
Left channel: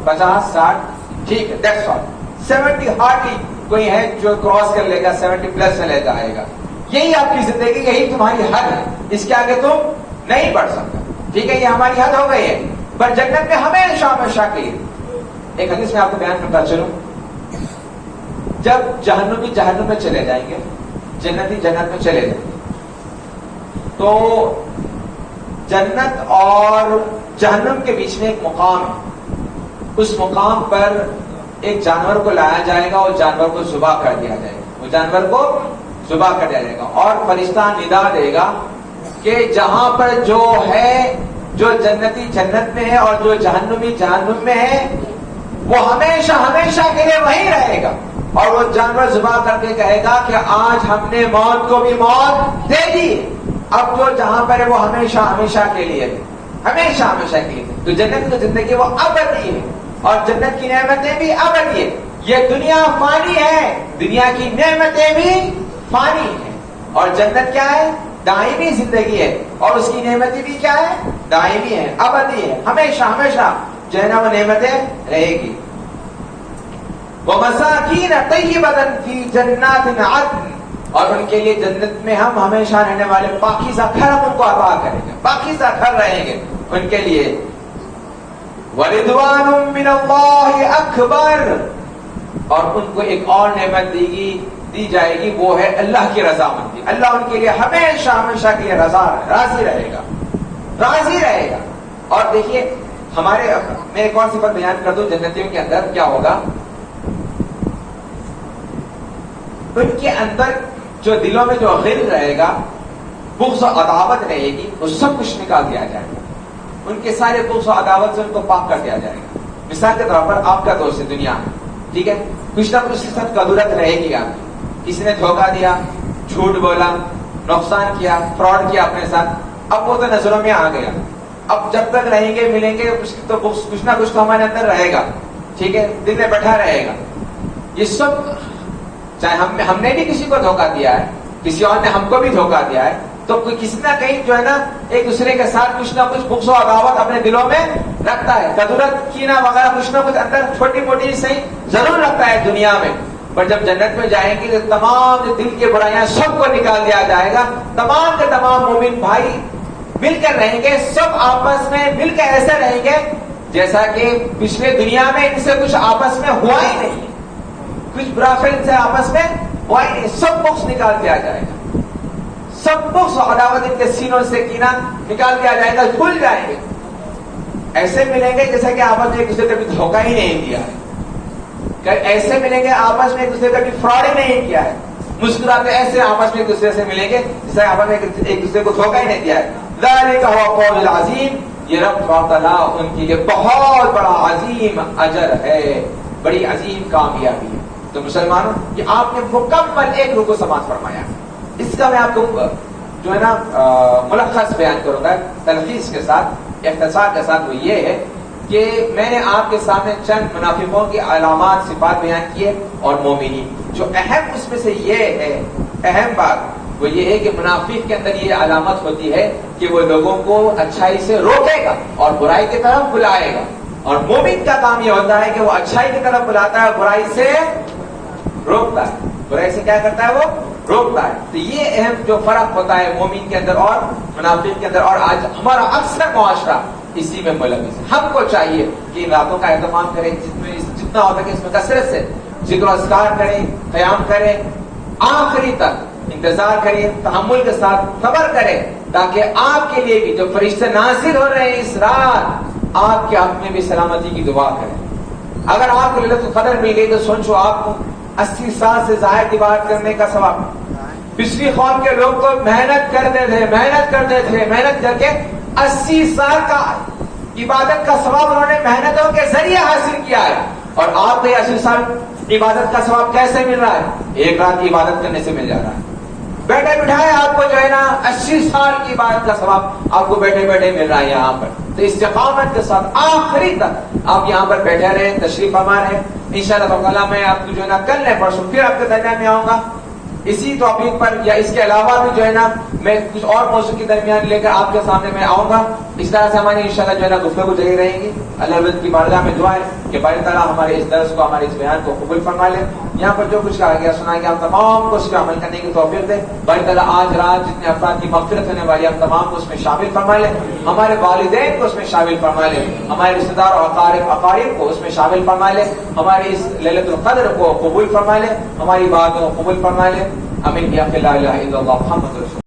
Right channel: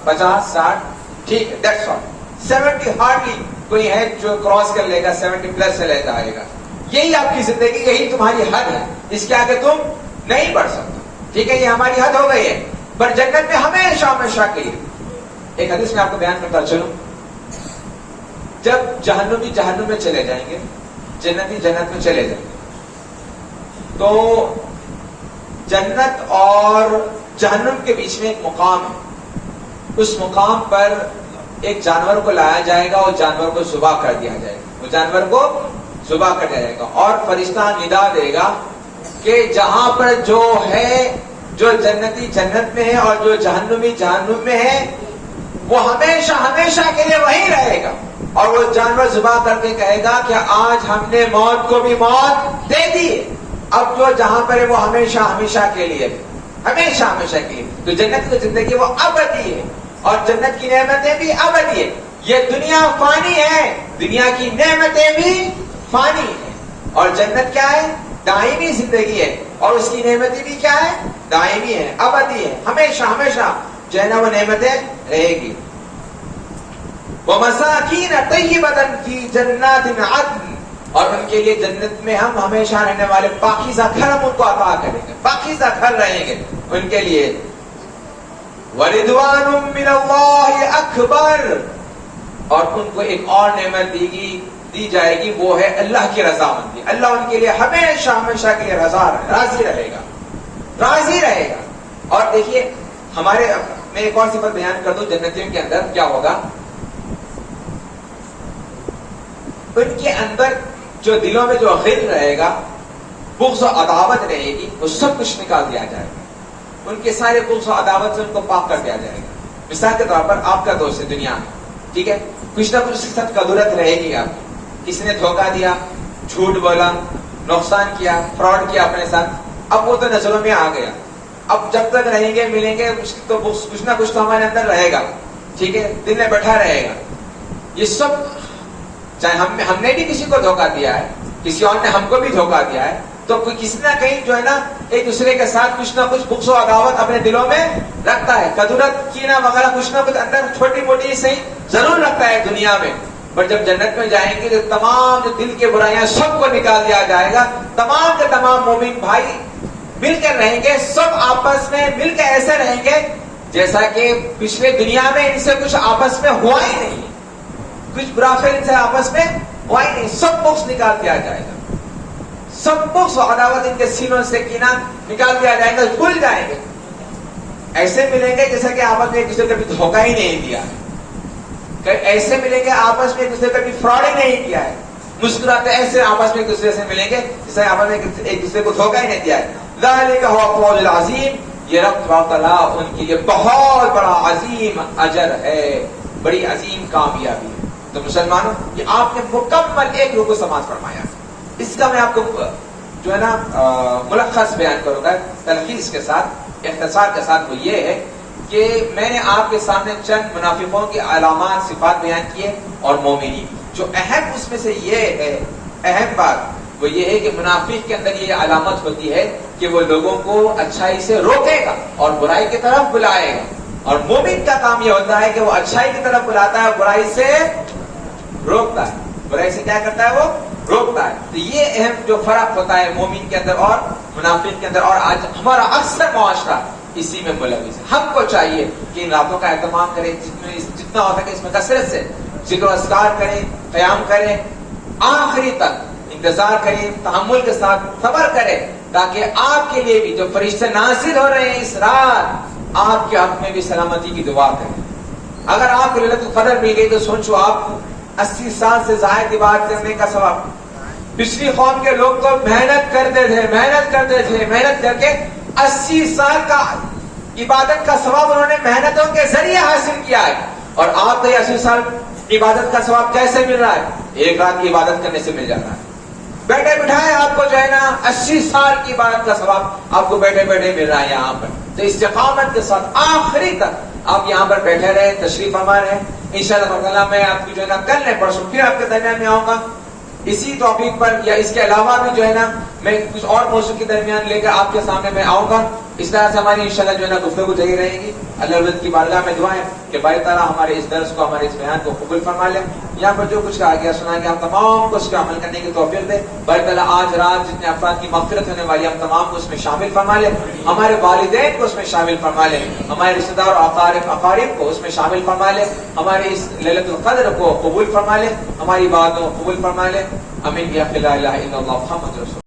50 60؟ ٹھیک ہے، دیٹس آل. 70 ہارڈلی کوئی ہے جو کراس کر لے گا، 70 پلس چلے جائے گا. یہی آپ کی زندگی، یہی تمہاری حد ہے. اس کے آگے تم نہیں بڑھ سکتے. ٹھیک ہے، یہ ہماری حد ہو گئی ہے. پر جنت میں ہمیشہ ہمیشہ کے لیے. ایک حدیث میں آپ کو بیان کرتا چلوں. جب جہنمی جہنم میں چلے جائیں گے، جنتی جنت میں چلے جائیں گے، تو جنت اور جہنم کے بیچ میں ایک مقام ہے. اس مقام پر ایک جانور کو لایا جائے گا اور جانور کو ذبح کر دیا جائے گا. وہ جانور کو ذبح کر دیا جائے گا اور فرشتہ ندا دے گا کہ جہاں پر جو ہے، جو جنتی جنت میں ہے اور جو جہنمی جہنم میں ہے، وہ ہمیشہ ہمیشہ کے لیے وہی رہے گا. اور وہ جانور ذبح کر کے کہے گا کہ آج ہم نے موت کو بھی موت دے دی. اب جو جہاں پر ہے وہ ہمیشہ ہمیشہ کے لیے، ہمیشہ ہمیشہ کے لیے. تو جنت کی زندگی وہ ابدی ہے اور جنت کی نعمتیں بھی ابدی ہے. یہ دنیا فانی ہے، دنیا کی نعمتیں بھی فانی ہیں، اور جنت کیا ہے؟ دائمی زندگی ہے. اور اس کی نعمتیں بھی کیا ہے؟ دائمی ہے، ابدی ہے، ہمیشہ ہمیشہ جو ہے نا وہ نعمتیں رہے گی. وَمَسَاكِينَ طَيِّبَةً فِي جَنَّاتٍ عَدْنٍ، اور ان کے لیے جنت میں ہم ہمیشہ رہنے والے پاکیزہ گھر ہم ان کو عطا کریں گے، پاکیزہ گھر رہیں گے ان کے لیے. وَرِضْوَانٌ مِّنَ اللَّهِ أَكْبَرُ، اور ان کو ایک اور نعمت دی جائے گی، وہ ہے اللہ کی رضامندی. اللہ ان کے لیے ہمیشہ ہمیشہ کے لیے راضی رہے گا، راضی رہے گا. اور دیکھیے ہمارے، میں ایک اور صفت بیان کر دوں جنتیوں کے اندر کیا ہوگا. ان کے اندر جو دلوں میں جو غل رہے گا، بغض و عداوت رہے گی، وہ سب کچھ نکال دیا جائے گا. ان کے سارے بغض و عداوت سے ان کو پاک کر دیا جائے گا. مثال کے طور پر آپ کا دوست ہے دنیا میں، ٹھیک ہے، کچھ نہ کچھ سخت قدرت رہے گی. آپ کسی نے دھوکہ دیا، جھوٹ بولا، نقصان کیا، فراڈ کیا اپنے ساتھ، اب وہ تو نظروں میں آ گیا. اب جب تک رہیں گے ملیں گے تو کچھ نہ کچھ تو ہمارے اندر رہے گا. ٹھیک ہے، دل میں بیٹھا رہے گا. یہ سب، چاہے ہم نے بھی کسی کو دھوکہ دیا ہے، کسی اور نے ہم کو بھی دھوکہ دیا ہے، تو کوئی کسی نہ کہیں جو ہے نا ایک دوسرے کے ساتھ کچھ نہ کچھ بغض و عداوت اپنے دلوں میں رکھتا ہے. قدرت کینہ وغیرہ کچھ نہ کچھ اندر چھوٹی موٹی صحیح ضرور رکھتا ہے دنیا میں. پر جب جنت میں جائیں گے تو تمام جو دل کے برائیاں سب کو نکال دیا جائے گا. تمام کے تمام مومن بھائی مل کر رہیں گے، سب آپس میں مل کر ایسے رہیں گے جیسا کہ پچھلے دنیا میں ان سے کچھ آپس میں ہوا ہی نہیں، کچھ برا فعل سے آپس میں ہوا ہی نہیں. سب بغض نکال دیا جائے گا، سب بغض و عداوت ان کے سینوں سے کینہ نکال دیا جائے گا، بھول جائیں گے. ایسے ملیں گے جیسا کہ آپس میں ایک دوسرے کو کبھی دھوکہ ہی نہیں دیا ہے. ایسے ملیں گے آپس میں ایک دوسرے کا بھی فراڈ ہی نہیں کیا ہے. مسکراتے ایسے آپس میں ایک دوسرے سے ملیں گے جیسے آپس میں ایک دوسرے کو دھوکہ ہی نہیں دیا ہے. ذالک هو الفوز العظیم، یہ رب تعالیٰ ان کے لیے بہت بڑا عظیم اجر ہے، بڑی عظیم کامیابی ہے. تو مسلمانوں، یہ آپ نے مکمل ایک رکوع سماعت فرمایا. اس کا میں آپ کو جو ہے نا ملخص بیان کروں گا تلخیص کے ساتھ، اختصار کے ساتھ، وہ یہ ہے کہ میں نے آپ کے سامنے چند منافقوں کی علامات صفات بیان کیے اور مومنین، جو اہم اس میں سے یہ ہے، اہم بات وہ یہ ہے کہ منافق کے اندر یہ علامت ہوتی ہے کہ وہ لوگوں کو اچھائی سے روکے گا اور برائی کی طرف بلائے گا، اور مومن کا کام یہ ہوتا ہے کہ وہ اچھائی کی طرف بلاتا ہے اور برائی سے روکتا ہے، برائی سے کیا کرتا ہے، وہ روکتا ہے۔ تو یہ اہم جو فرق ہوتا ہے مومن کے اندر اور منافق کے اندر، اور آج ہمارا اکثر معاشرہ اسی میں ملوث ہے۔ ہم کو چاہیے کہ ان باتوں کا اہتمام کریں، جتنا ہو سکے اس میں کثرت سے ذکر و اذکار کریں، قیام کریں، آخری تک انتظار کریں، تحمل کے ساتھ صبر کریں، تاکہ آپ کے لیے بھی جو فرشتے نازل ہو رہے ہیں اس رات، آپ کے حق میں بھی سلامتی کی دعا کریں۔ اگر آپ کو ليلۃ القدر مل گئی تو سوچو آپ کو 80 سال سے زائد عبادت کرنے کا ثواب۔ پچھلی قوم کے لوگ تو محنت کرتے تھے، محنت کر کے 80 سال کا عبادت کا ثواب انہوں نے محنتوں کے ذریعے حاصل کیا ہے، اور آپ کو 80 سال عبادت کا ثواب کیسے مل رہا ہے؟ ایک رات کی عبادت کرنے سے مل جاتا ہے۔ بیٹھے بٹھائے آپ کو جو ہے نا 80 سال کی عبادت کا ثواب آپ کو بیٹھے بیٹھے مل رہا ہے یہاں پر۔ تو استقامت کے ساتھ آخری تک آپ یہاں پر بیٹھے رہیں، تشریف فرما رہے ہیں۔ انشاءاللہ تعالیٰ میں آپ کو جو ہے نا کل نہیں پرسوں پھر آپ کے درمیان میں آؤں گا اسی ٹاپک پر، یا اس کے علاوہ بھی جو ہے نا میں کچھ اور موضوع کے درمیان لے کر آپ کے سامنے میں آؤں گا۔ اس طرح سے ہماری انشاءاللہ جو ہے نا گفتگو جاری رہے گی۔ اللہ رضا کی بارگاہ میں دعا ہے کہ باری تعالیٰ ہمارے اس درس کو، ہمارے اس بیان کو قبول فرما لے۔ یہاں پر جو کچھ کہا گیا سنا گیا، ہم تمام کو اس پہ عمل کرنے کی توفیق دے۔ باری تعالیٰ آج رات جتنے افراد کی مغفرت ہونے والی، ہم تمام کو اس میں شامل فرما لے، ہمارے والدین کو اس میں شامل فرما لے، ہمارے رشتہ دار اور اقارب کو اس میں شامل فرما لے، ہمارے اس ليلۃ القدر کو قبول فرما لے، ہماری باتوں کو قبول فرما لے۔ آمین یا لا الہ الا اللہ محمد رسول